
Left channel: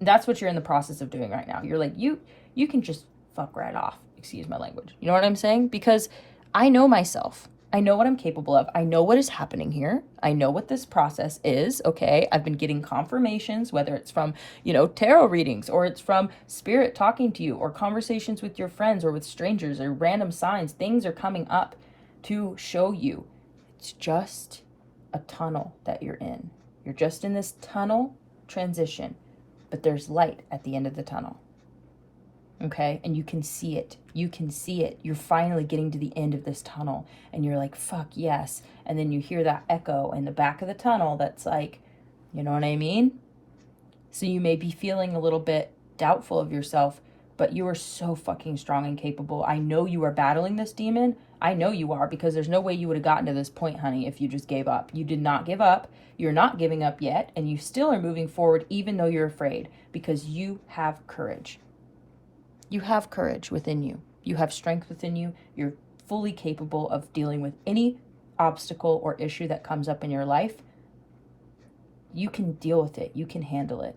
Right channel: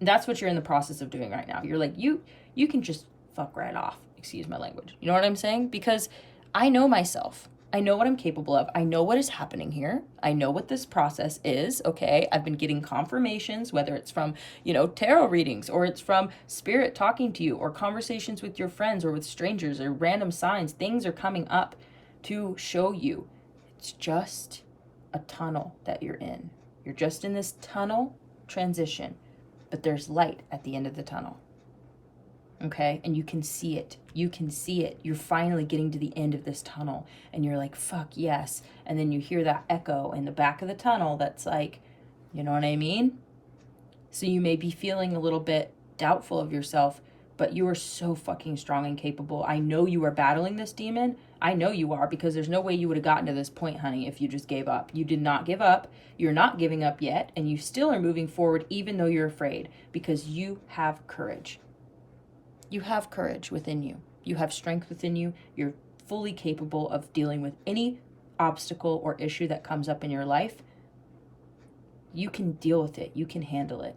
That's what you're in the process of doing right now. You're like, you can just fuck right off. Excuse my language. You know what I'm saying? Because I know myself. I know what I'm capable of. I know what is happening here. I know what this process is, okay? I've been getting confirmations, whether it's from, you know, tarot readings, or it's from spirit talking to you, or conversations with your friends or with strangers, or random signs. Things are coming up to show you it's just a tunnel that you're in. You're just in this tunnel transition, but there's light at the end of the tunnel. Okay? And you can see it. You can see it. You're finally getting to the end of this tunnel and you're like, fuck yes. And then you hear that echo in the back of the tunnel that's like, you know what I mean? So you may be feeling a little bit doubtful of yourself, but you are so fucking strong and capable. I know you are battling this demon. I know you are, because there's no way you would have gotten to this point, honey, if you just gave up. You did not give up. You're not giving up yet. And you still are moving forward even though you're afraid, because you have courage. You have courage within you. You have strength within you. You're fully capable of dealing with any obstacle or issue that comes up in your life. You can deal with it. You can handle it.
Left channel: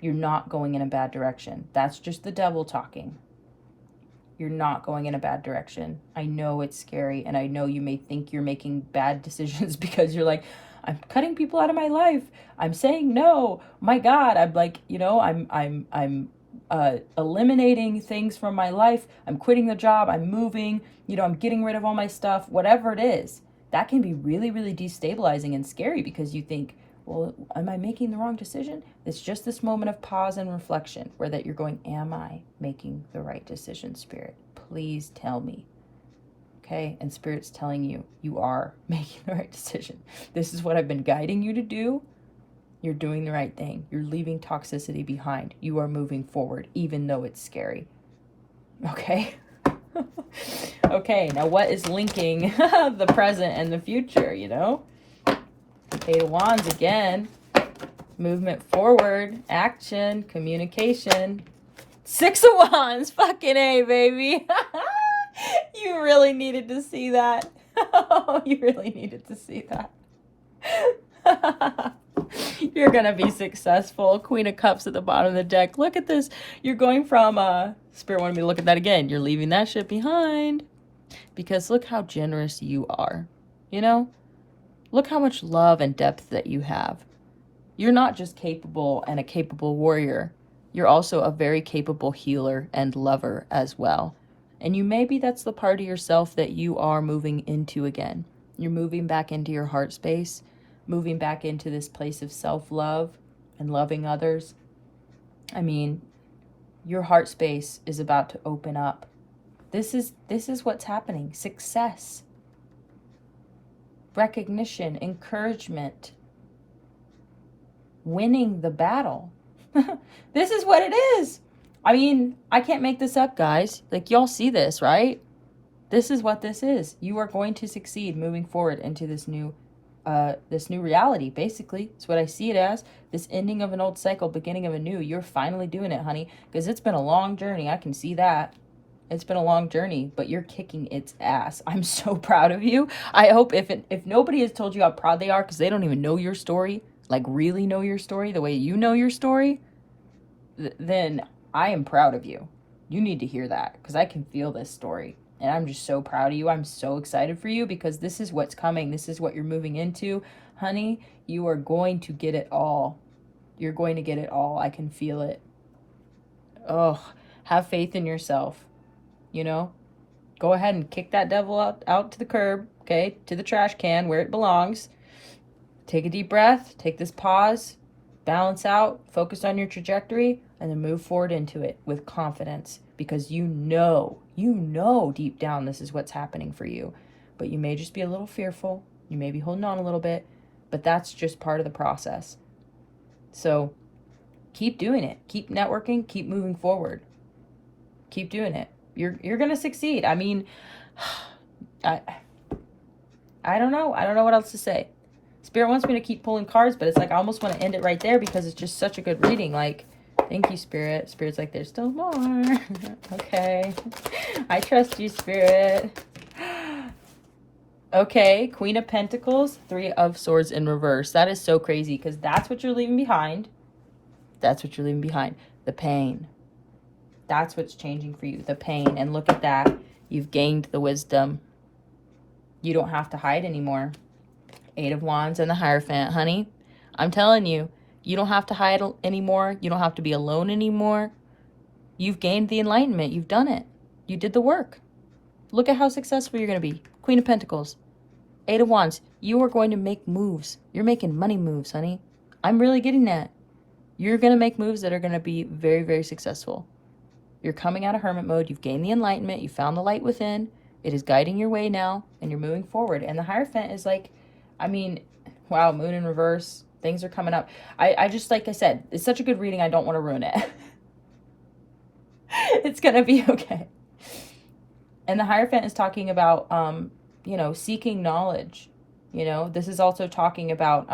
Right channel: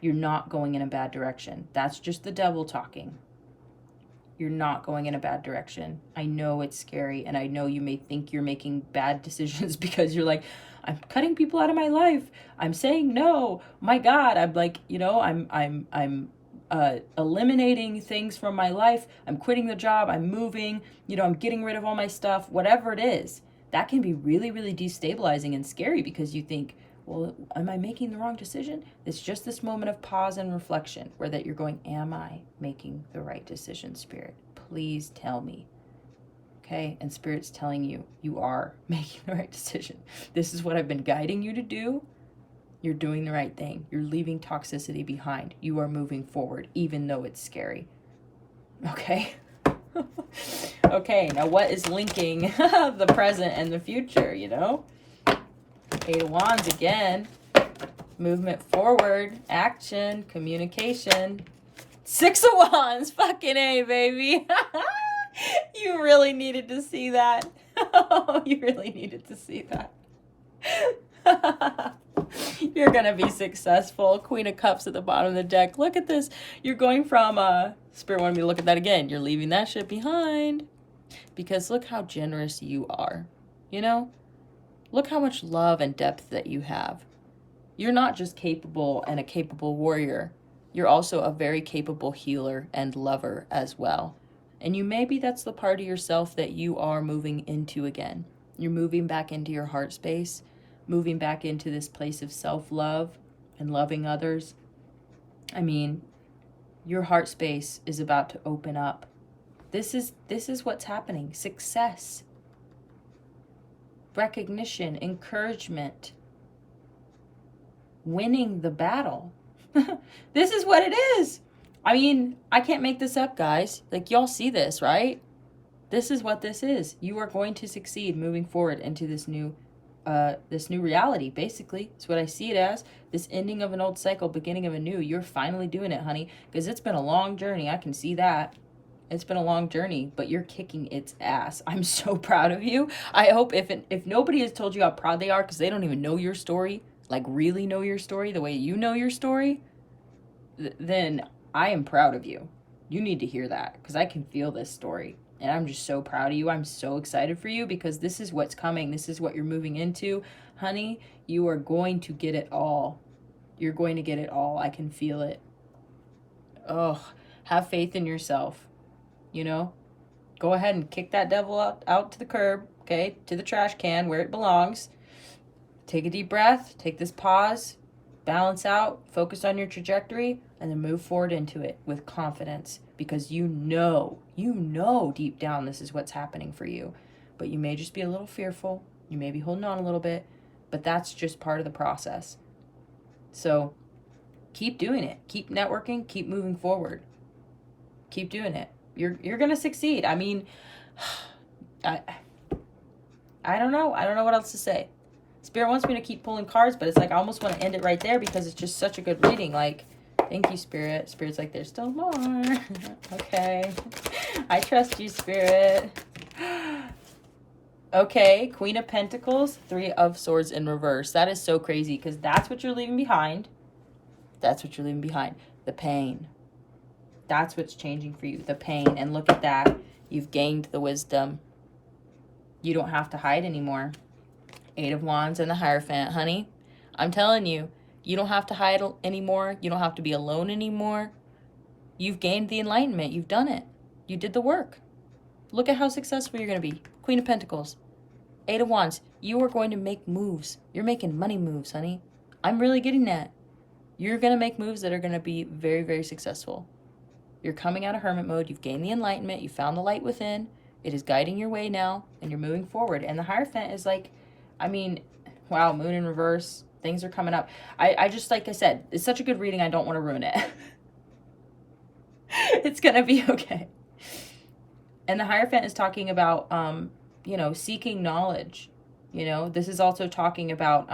You're not going in a bad direction. That's just the devil talking. You're not going in a bad direction. I know it's scary, and I know you may think you're making bad decisions because you're like, I'm cutting people out of my life. I'm saying no. My God, I'm like, you know, I'm eliminating things from my life. I'm quitting the job. I'm moving. You know, I'm getting rid of all my stuff. Whatever it is, that can be really, really destabilizing and scary, because you think, well, am I making the wrong decision? It's just this moment of pause and reflection where that you're going, am I making the right decision, Spirit? Please tell me. Okay? And Spirit's telling you, you are making the right decision. This is what I've been guiding you to do. You're doing the right thing. You're leaving toxicity behind. You are moving forward, even though it's scary. Okay? Okay, now what is linking the present and the future, you know? Eight of Wands again. Movement forward, action, communication. Six of Wands, fucking A, baby. You really needed to see that. You really needed to see that. You're gonna be successful. Queen of Cups at the bottom of the deck. Look at this. You're going from, Spirit wanted me to look at that again. You're leaving that shit behind. Because look how generous you are. You know? Look how much love and depth that you have. You're not just capable and a capable warrior. You're also a very capable healer and lover as well. And maybe that's the part of yourself that you are moving into again. You're moving back into your heart space, moving back into this place of self-love and loving others. I mean, your heart space is about to open up. This is what's happening. Success. Recognition, encouragement, winning the battle. This is what it is. I mean, I can't make this up, guys. Like, y'all see this, right? This is what this is. You are going to succeed moving forward into this new reality, basically. It's what I see it as. This ending of an old cycle, beginning of a new. You're finally doing it, honey, because it's been a long journey. I can see that. It's been a long journey, but you're kicking its ass. I'm so proud of you. I hope if nobody has told you how proud they are, because they don't even know your story, like really know your story the way you know your story, then I am proud of you. You need to hear that, because I can feel this story. And I'm just so proud of you. I'm so excited for you, because this is what's coming. This is what you're moving into. Honey, you are going to get it all. You're going to get it all. I can feel it. Oh, have faith in yourself. You know, go ahead and kick that devil out to the curb, okay? To the trash can where it belongs. Take a deep breath. Take this pause. Balance out. Focus on your trajectory. And then move forward into it with confidence. Because you know deep down this is what's happening for you. But you may just be a little fearful. You may be holding on a little bit. But that's just part of the process. So keep doing it. Keep networking. Keep moving forward. Keep doing it. You're going to succeed. I mean, I don't know. I don't know what else to say. Spirit wants me to keep pulling cards, but it's like I almost want to end it right there because it's just such a good reading. Like, thank you, Spirit. Spirit's like, there's still more. Okay. I trust you, Spirit. Okay, Queen of Pentacles, Three of Swords in reverse. That is so crazy because that's what you're leaving behind. That's what you're leaving behind. The pain. That's what's changing for you. The pain. And look at that. You've gained the wisdom. You don't have to hide anymore. Eight of Wands and the Hierophant, honey. I'm telling you, you don't have to hide anymore. You don't have to be alone anymore. You've gained the enlightenment. You've done it. You did the work. Look at how successful you're going to be. Queen of Pentacles. Eight of Wands. You are going to make moves. You're making money moves, honey. I'm really getting that. You're going to make moves that are going to be very, very successful. You're coming out of hermit mode. You've gained the enlightenment. You found the light within. It is guiding your way now, and you're moving forward. And the Hierophant is like, I mean, wow, moon in reverse. Things are coming up. I just, like I said, it's such a good reading. I don't want to ruin it. It's going to be okay. And the Hierophant is talking about, you know, seeking knowledge. You know, this is also talking about,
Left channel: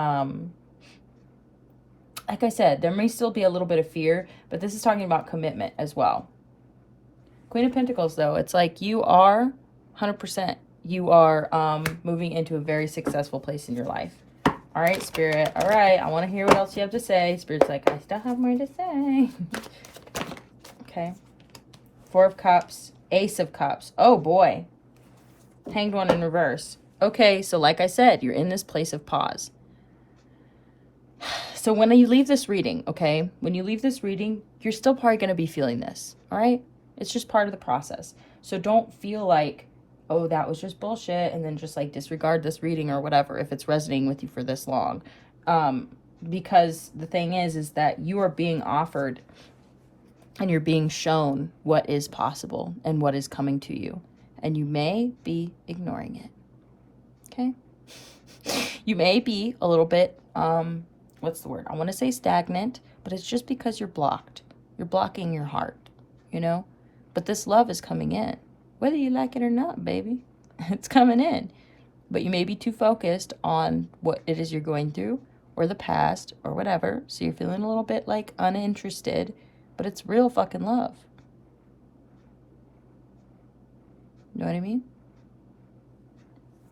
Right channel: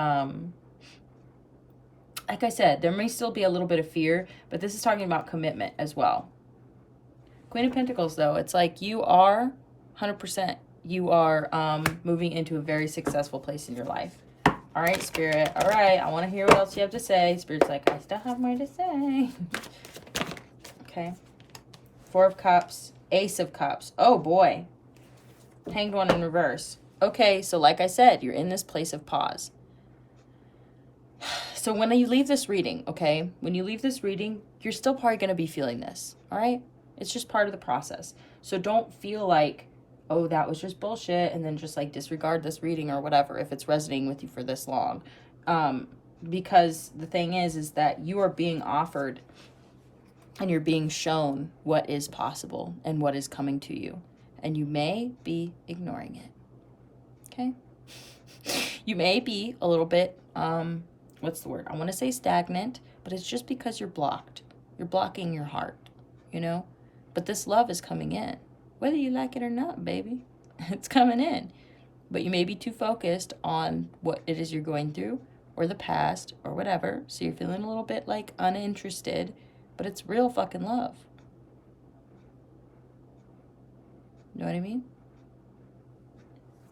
like I said, there may still be a little bit of fear, but this is talking about commitment as well. Queen of Pentacles, though, it's like you are 100%. You are moving into a very successful place in your life. All right, Spirit. All right, I want to hear what else you have to say. Spirit's like, I still have more to say. Okay. Four of Cups. Ace of Cups. Oh, boy. Hanged One in reverse. Okay, so like I said, you're in this place of pause. So when you leave this reading, okay, when you leave this reading, you're still probably going to be feeling this, all right? It's just part of the process. So don't feel like, oh, that was just bullshit, and then just like disregard this reading or whatever if it's resonating with you for this long. Because the thing is that you are being offered and you're being shown what is possible and what is coming to you. And you may be ignoring it, okay? You may be a little bit, what's the word? I want to say stagnant, but it's just because you're blocked. You're blocking your heart, you know? But this love is coming in. Whether you like it or not, baby, it's coming in. But you may be too focused on what it is you're going through or the past or whatever. So you're feeling a little bit like uninterested, but it's real fucking love. You know what I mean?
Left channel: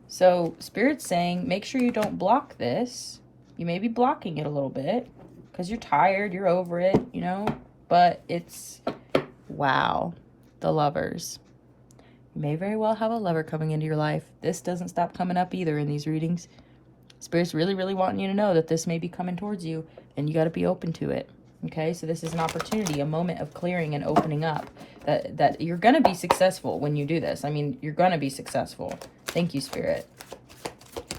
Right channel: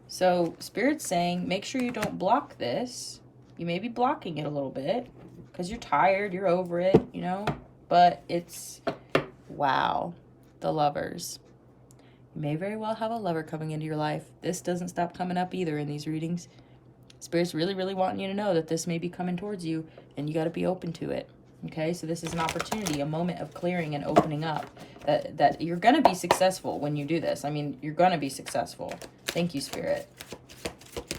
So Spirit's saying, make sure you don't block this. You may be blocking it a little bit because you're tired, you're over it, you know, but it's, wow, the Lovers. You may very well have a lover coming into your life. This doesn't stop coming up either in these readings. Spirit's really, really wanting you to know that this may be coming towards you and you got to be open to it. Okay, so this is an opportunity, a moment of clearing and opening up. That you're going to be successful when you do this. I mean, you're going to be successful. Thank you, Spirit.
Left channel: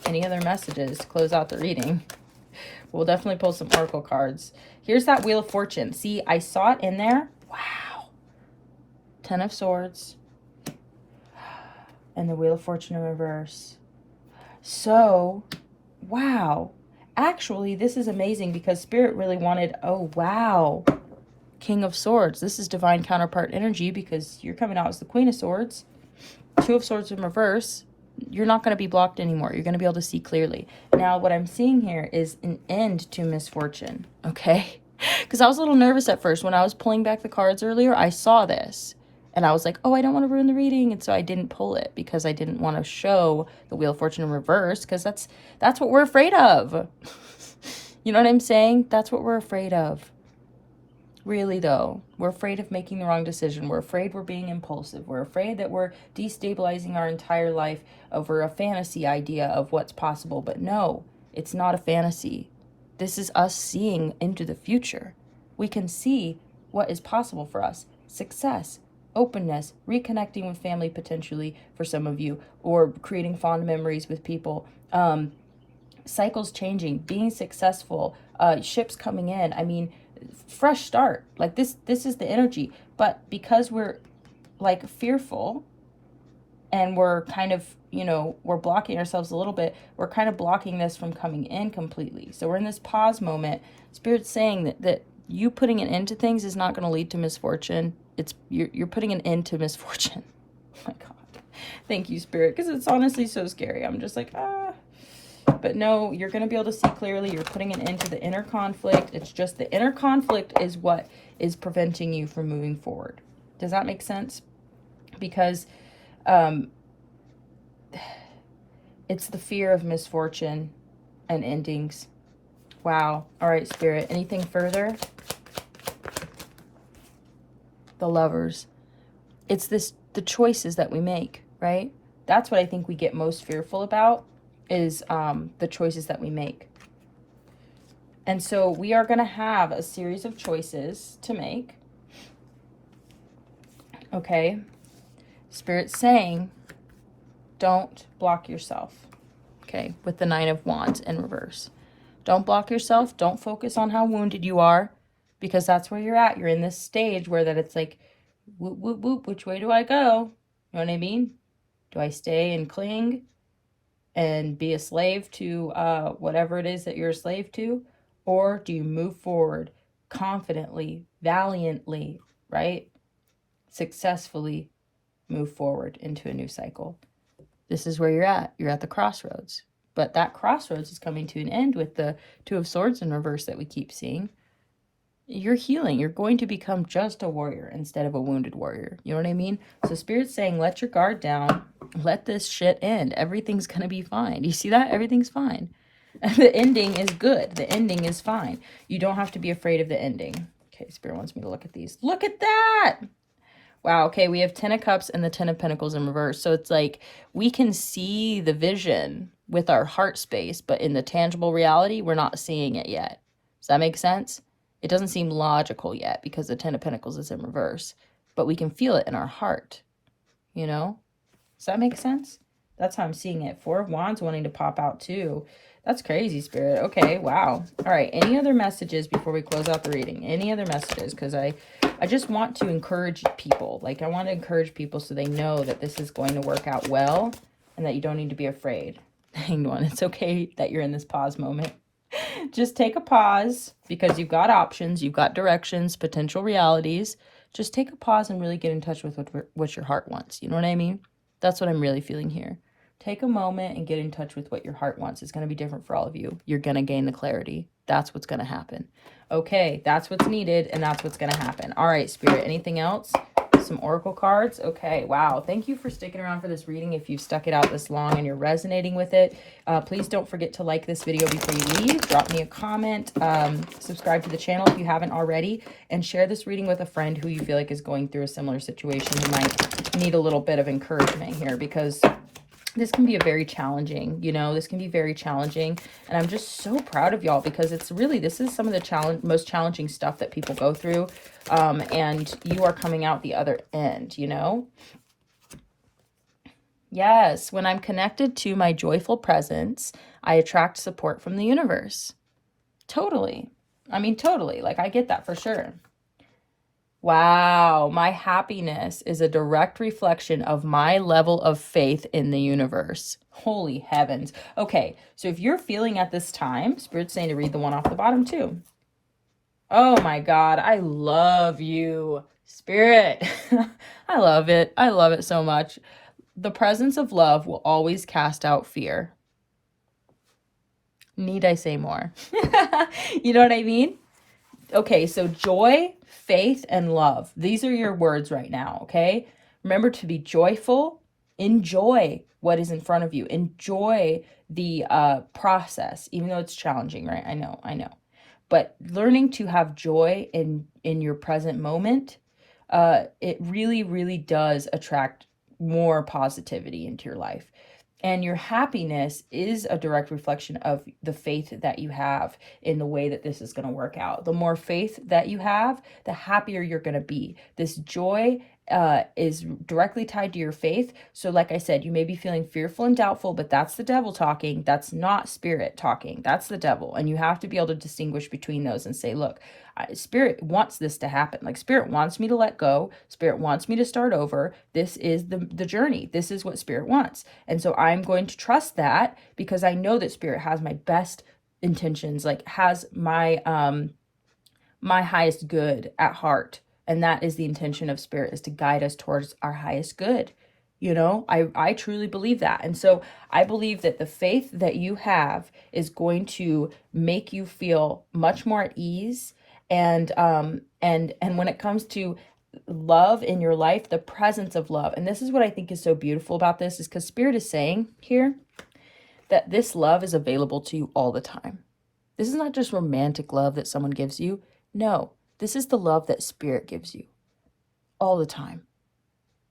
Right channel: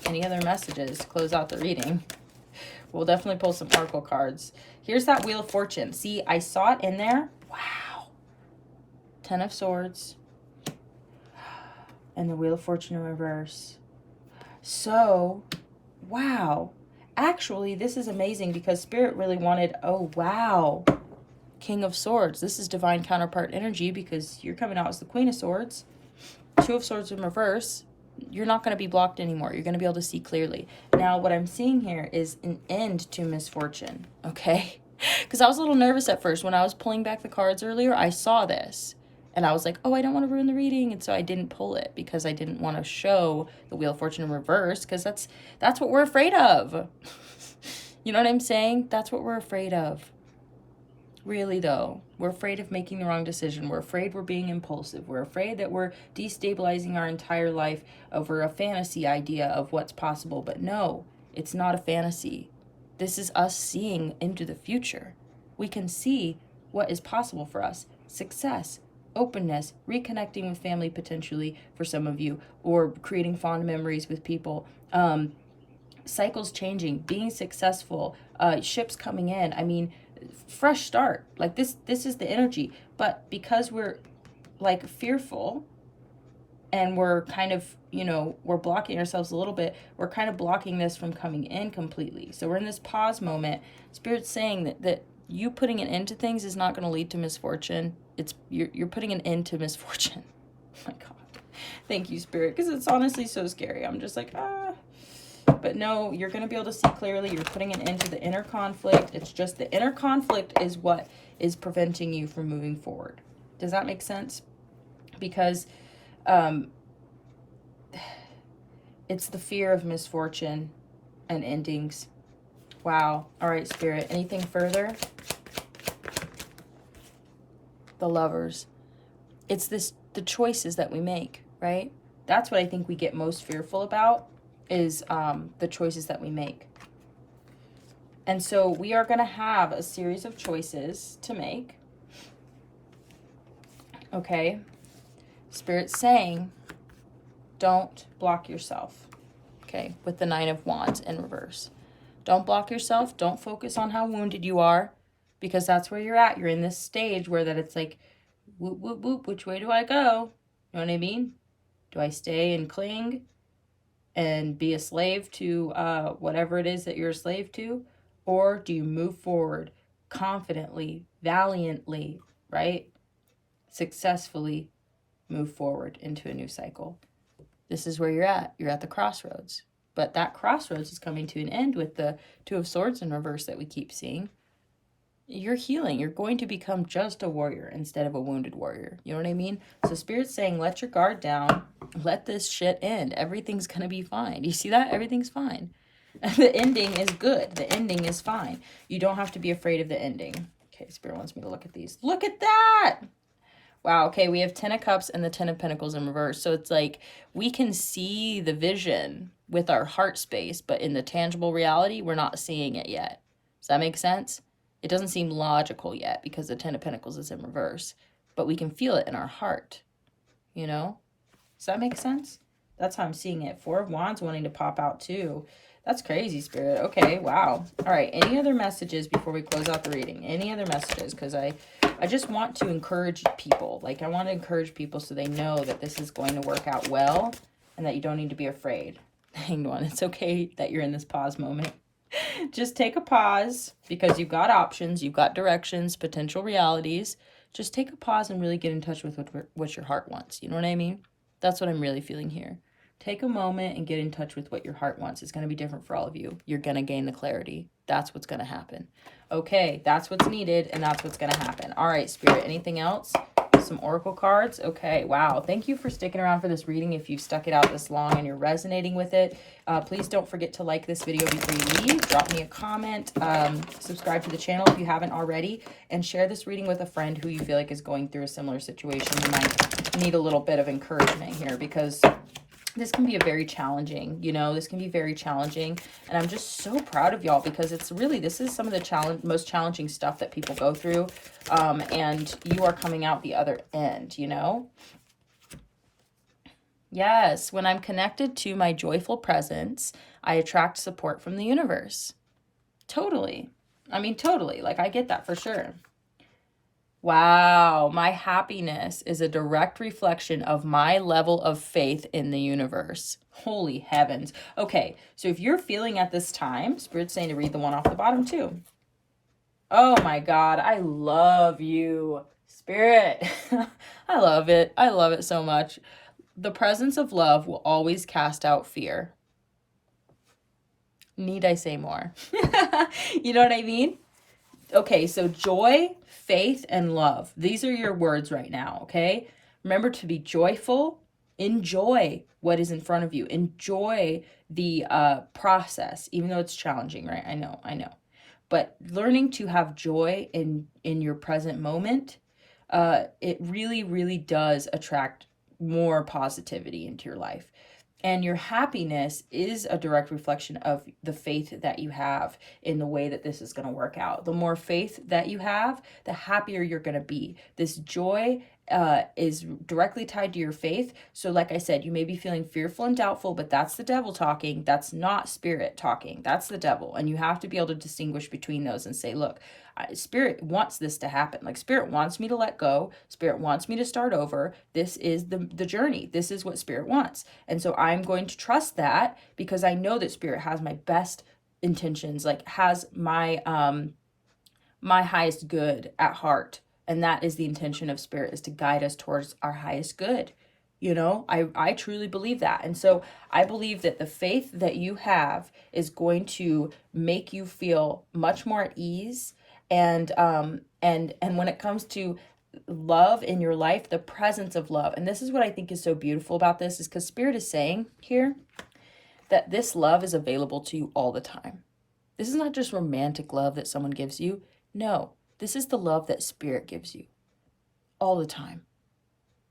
Any other messages to close out the reading? We'll definitely pull some oracle cards. Here's that Wheel of Fortune. See, I saw it in there. Wow. 10 of Swords. And the Wheel of Fortune in reverse. So, wow. Actually, this is amazing because Spirit really wanted, oh, wow, King of Swords. This is divine counterpart energy because you're coming out as the Queen of Swords. Two of Swords in reverse. You're not going to be blocked anymore. You're going to be able to see clearly. Now, what I'm seeing here is an end to misfortune, okay? Because I was a little nervous at first. When I was pulling back the cards earlier, I saw this. And I was like, oh, I don't want to ruin the reading. And so I didn't pull it because I didn't want to show the Wheel of Fortune in reverse because that's what we're afraid of. You know what I'm saying? That's what we're afraid of. Really, though. We're afraid of making the wrong decision. We're afraid we're being impulsive. We're afraid that we're destabilizing our entire life over a fantasy idea of what's possible. But no, it's not a fantasy. This is us seeing into the future. We can see what is possible for us. Success, openness, reconnecting with family potentially for some of you, or creating fond memories with people, cycles changing, being successful, ships coming in. I mean, fresh start. Like this is the energy. But because we're like fearful, and we're kind of, you know, we're blocking ourselves a little bit, we're kind of blocking this from coming in completely. So we're in this pause moment. Spirit's saying that you putting an end to things is not going to lead to misfortune. It's you're putting an end to misfortune. Oh my God. Thank you, Spirit, because it's honestly so scary. I'm just like, But no, you're going to be able to see clearly. You're putting an end to the inner conflict. It's just the inner conflict is what is preventing you from moving forward. Does that make sense? Because it's the fear of misfortune and endings. Wow. All right, Spirit. Anything further? The Lovers. It's the choices that we make, right? That's what I think we get most fearful about, is the choices that we make. And so we are going to have a series of choices to make. Okay. Spirit's saying, don't block yourself. Okay, with the Nine of Wands in reverse. Don't block yourself. Don't focus on how wounded you are, because that's where you're at. You're in this stage where that it's like, whoop, whoop, whoop, which way do I go? You know what I mean? Do I stay and cling and be a slave to whatever it is that you're a slave to? Or do you move forward confidently, valiantly, right? Successfully move forward into a new cycle. This is where you're at. You're at the crossroads. But that crossroads is coming to an end with the Two of Swords in reverse that we keep seeing. You're healing. You're going to become just a warrior instead of a wounded warrior. You know what I mean? So Spirit's saying, let your guard down. Let this shit end. Everything's going to be fine. You see that? Everything's fine. And the ending is good. The ending is fine. You don't have to be afraid of the ending. Okay, Spirit wants me to look at these. Look at that! Wow, okay, we have 10 of Cups and the 10 of Pentacles in reverse. So it's like we can see the vision with our heart space, but in the tangible reality, we're not seeing it yet. Does that make sense? It doesn't seem logical yet because the 10 of Pentacles is in reverse, but we can feel it in our heart, you know? Does that make sense? That's how I'm seeing it. Four of Wands wanting to pop out too. That's crazy, Spirit. Okay, wow. All right, any other messages before we close out the reading? Any other messages? Because I just want to encourage people. Like, I want to encourage people so they know that this is going to work out well and that you don't need to be afraid. Hang on, it's okay that you're in this pause moment. Just take a pause because you've got options, you've got directions, potential realities. Just take a pause and really get in touch with what your heart wants. You know what I mean? That's what I'm really feeling here. Take a moment and get in touch with what your heart wants. It's going to be different for all of you. You're going to gain the clarity. That's what's going to happen. Okay, that's what's needed, and that's what's going to happen. All right, Spirit, anything else? Some oracle cards. Okay, wow. Thank you for sticking around for this reading. If you've stuck it out this long and you're resonating with it, please don't forget to like this video before you leave. Drop me a comment. Subscribe to the channel if you haven't already, and share this reading with a friend who you feel like is going through a similar situation. You might need a little bit of encouragement here, because this can be a very challenging, you know, this can be very challenging. And I'm just so proud of y'all, because it's really, this is some of the most challenging stuff that people go through. And you are coming out the other end, you know? Yes, when I'm connected to my joyful presence, I attract support from the universe. Totally. I mean, totally. Like, I get that for sure. Wow, my happiness is a direct reflection of my level of faith in the universe. Holy heavens. Okay, so if you're feeling at this time, Spirit's saying to read the one off the bottom too. Oh my God, I love you, Spirit. I love it. I love it so much. The presence of love will always cast out fear. Need I say more? You know what I mean? Okay, so joy, faith, and love. These are your words right now, okay? Remember to be joyful. Enjoy what is in front of you. Enjoy the process, even though it's challenging, right? I know. But learning to have joy in your present moment, it really, really does attract more positivity into your life. And your happiness is a direct reflection of the faith that you have in the way that this is going to work out. The more faith that you have, the happier you're going to be. This joy is directly tied to your faith. So like I said, you may be feeling fearful and doubtful, but that's the devil talking. That's not spirit talking. That's the devil. And you have to be able to distinguish between those and say, look, spirit wants this to happen. Like spirit wants me to let go. Spirit wants me to start over. This is the journey. This is what spirit wants. And so I'm going to trust that because I know that spirit has my best intentions, like has my my highest good at heart. And that is the intention of spirit, is to guide us towards our highest good. You know, I truly believe that. And so I believe that the faith that you have is going to make you feel much more at ease. And when it comes to love in your life, the presence of love, and this is what I think is so beautiful about this, is because spirit is saying here that this love is available to you all the time. This is not just romantic love that someone gives you. No, this is the love that spirit gives you all the time.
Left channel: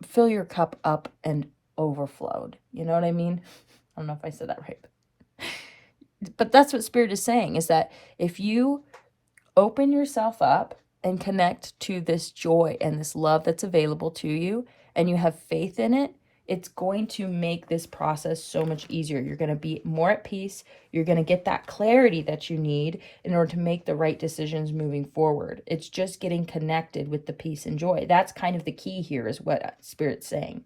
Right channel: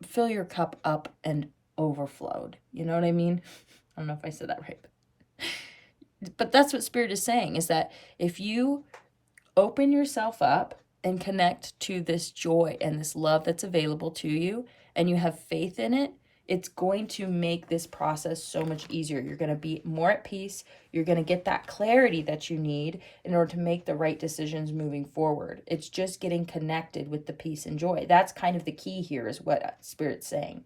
Fill your cup up and overflowed. You know what I mean? I don't know if I said that right. But that's what spirit is saying, is that if you open yourself up and connect to this joy and this love that's available to you, and you have faith in it, it's going to make this process so much easier. You're going to be more at peace. You're going to get that clarity that you need in order to make the right decisions moving forward. It's just getting connected with the peace and joy. That's kind of the key here, is what Spirit's saying.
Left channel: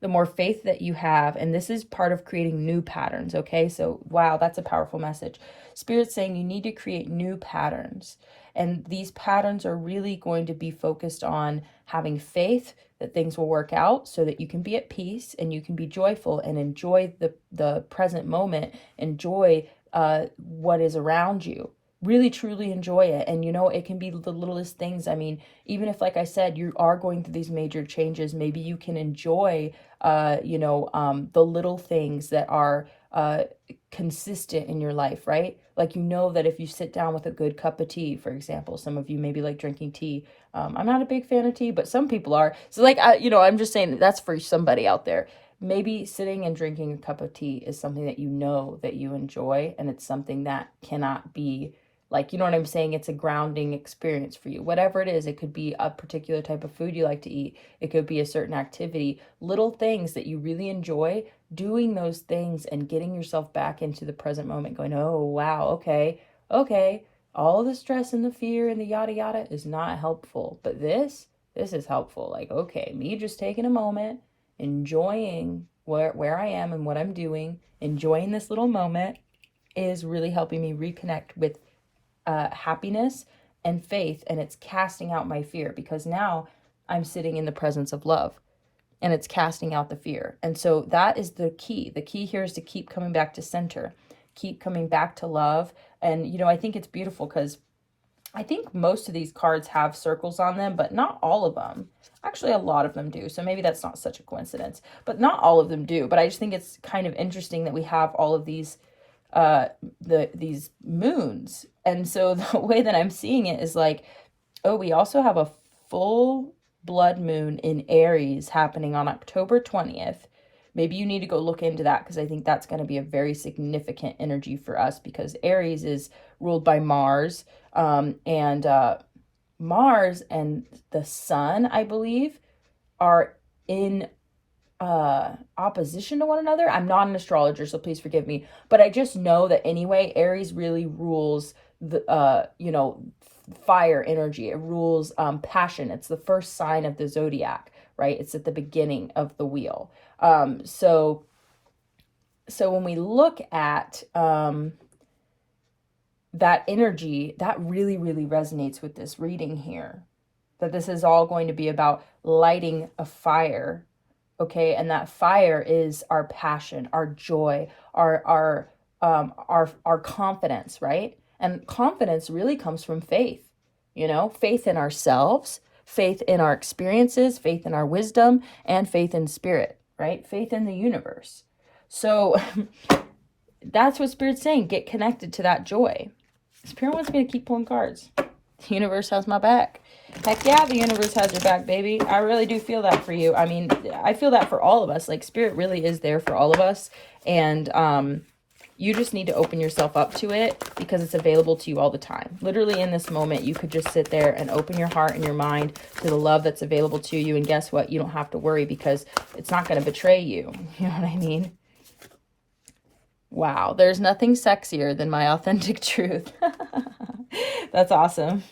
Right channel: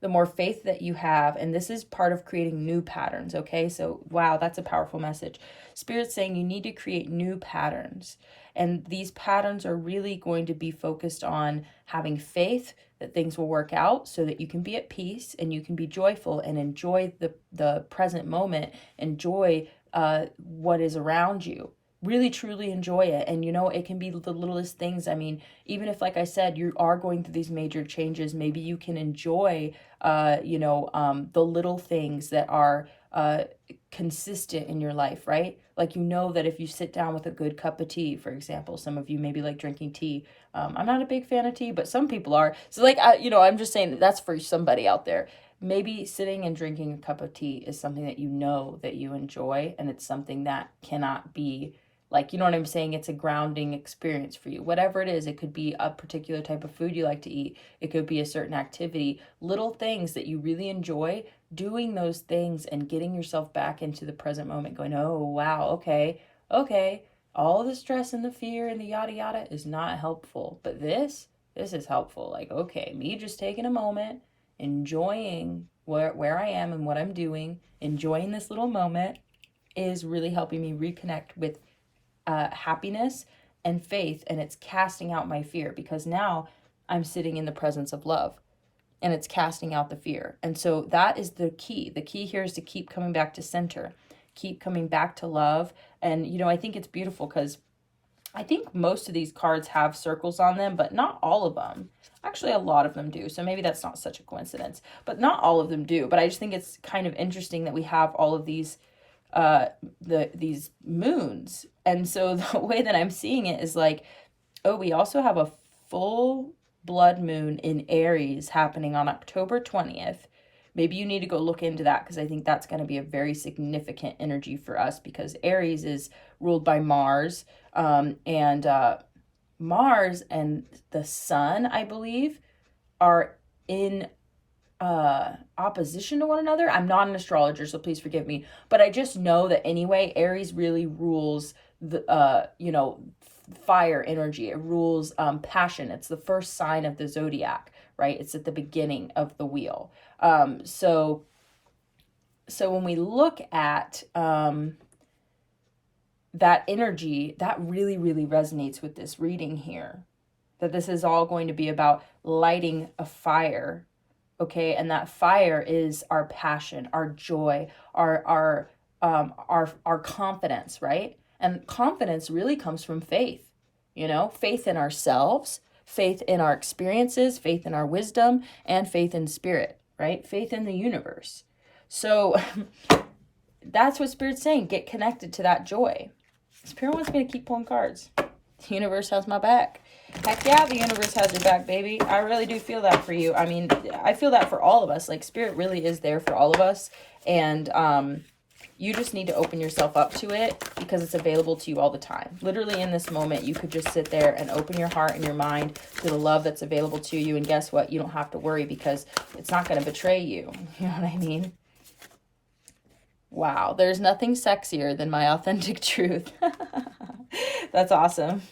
The more faith that you have, and this is part of creating new patterns, okay? So, wow, that's a powerful message. Spirit's saying you need to create new patterns. And these patterns are really going to be focused on having faith that things will work out so that you can be at peace and you can be joyful and enjoy the present moment, enjoy what is around you. Really, truly enjoy it. And, you know, it can be the littlest things. I mean, even if, like I said, you are going through these major changes, maybe you can enjoy, the little things that are consistent in your life, right? Like, you know that if you sit down with a good cup of tea, for example, some of you maybe like drinking tea. I'm not a big fan of tea, but some people are. So like, I'm just saying that's for somebody out there. Maybe sitting and drinking a cup of tea is something that you know that you enjoy, and it's something that cannot be, like, you know what I'm saying? It's a grounding experience for you. Whatever it is, it could be a particular type of food you like to eat. It could be a certain activity, little things that you really enjoy, doing those things and getting yourself back into the present moment, going, oh, wow, okay. All the stress and the fear and the yada yada is not helpful. But this is helpful. Like, okay, me just taking a moment, enjoying where I am and what I'm doing, enjoying this little moment is really helping me reconnect with happiness and faith, and it's casting out my fear, because now I'm sitting in the presence of love and it's casting out the fear. And so that is the key. The key here is to keep coming back to center, keep coming back to love. And, I think it's beautiful because I think most of these cards have circles on them, but not all of them. Actually, a lot of them do. So maybe that's not such a coincidence, but not all of them do. But I just think it's kind of interesting that we have all of these these moons. And so the way that I'm seeing it is like, oh, we also have a full blood moon in Aries happening on October 20th. Maybe you need to go look into that, because I think that's going to be a very significant energy for us, because Aries is ruled by Mars, and Mars and the Sun, I believe, are in opposition to one another. I'm not an astrologer, so please forgive me, but I just know that anyway, Aries really rules the fire energy. It rules passion. It's the first sign of the zodiac, right? It's at the beginning of the wheel. So when we look at that energy, that really, really resonates with this reading here, that this is all going to be about lighting a fire. Okay, and that fire is our passion, our joy, our confidence, right? And confidence really comes from faith, faith in ourselves, faith in our experiences, faith in our wisdom, and faith in spirit, right? Faith in the universe. So that's what Spirit's saying. Get connected to that joy. Spirit wants me to keep pulling cards. The universe has my back. Heck yeah, the universe has your back, baby. I really do feel that for you. I mean, I feel that for all of us. Like, spirit really is there for all of us. And you just need to open yourself up to it because it's available to you all the time. Literally in this moment, you could just sit there and open your heart and your mind to the love that's available to you. And guess what? You don't have to worry because it's not going to betray you. You know what I mean? Wow, there's nothing sexier than my authentic truth. That's awesome.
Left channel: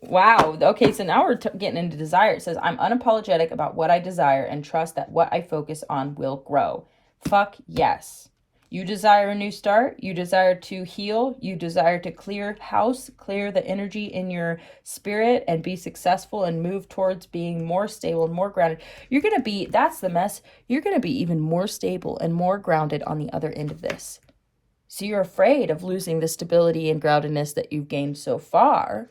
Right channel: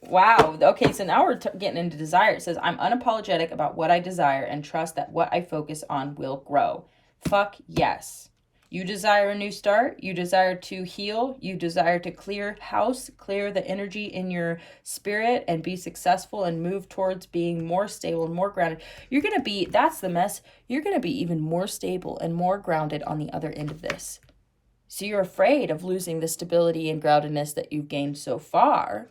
Wow. Okay, so now we're getting into desire. It says, I'm unapologetic about what I desire and trust that what I focus on will grow. Fuck yes. You desire a new start. You desire to heal. You desire to clear house, clear the energy in your spirit and be successful and move towards being more stable and more grounded. You're going to be, that's the mess. You're going to be even more stable and more grounded on the other end of this. So you're afraid of losing the stability and groundedness that you've gained so far.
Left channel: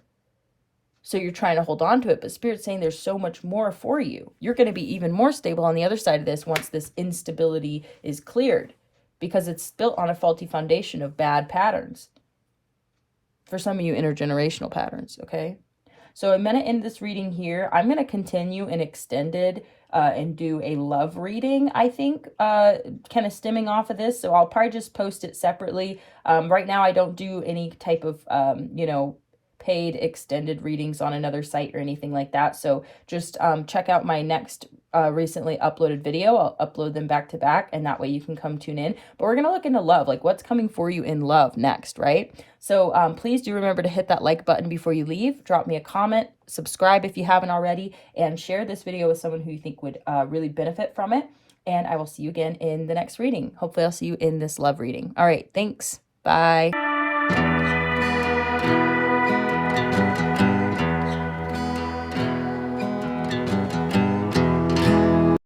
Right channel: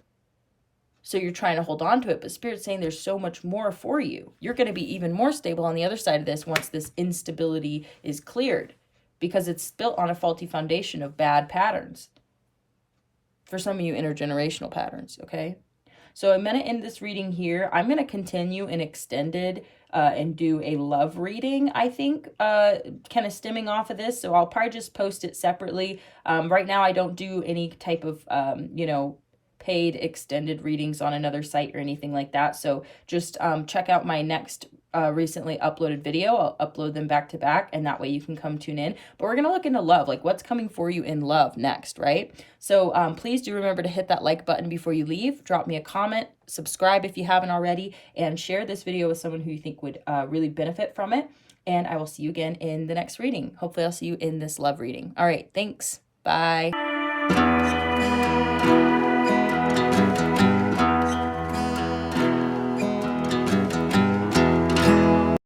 So you're trying to hold on to it, but Spirit's saying there's so much more for you. You're going to be even more stable on the other side of this once this instability is cleared, because it's built on a faulty foundation of bad patterns. For some of you, intergenerational patterns, okay? So I'm going to end this reading here. I'm going to continue an extended and do a love reading, I think, kind of stemming off of this. So I'll probably just post it separately. Right now, I don't do any type of, you know, paid extended readings on another site or anything like that. So just check out my next recently uploaded video. I'll upload them back to back, and that way you can come tune in. But we're going to look into love, like what's coming for you in love next, right? So please do remember to hit that like button before you leave. Drop me a comment, subscribe if you haven't already, and share this video with someone who you think would really benefit from it. And I will see you again in the next reading. Hopefully I'll see you in this love reading. All right, thanks. Bye.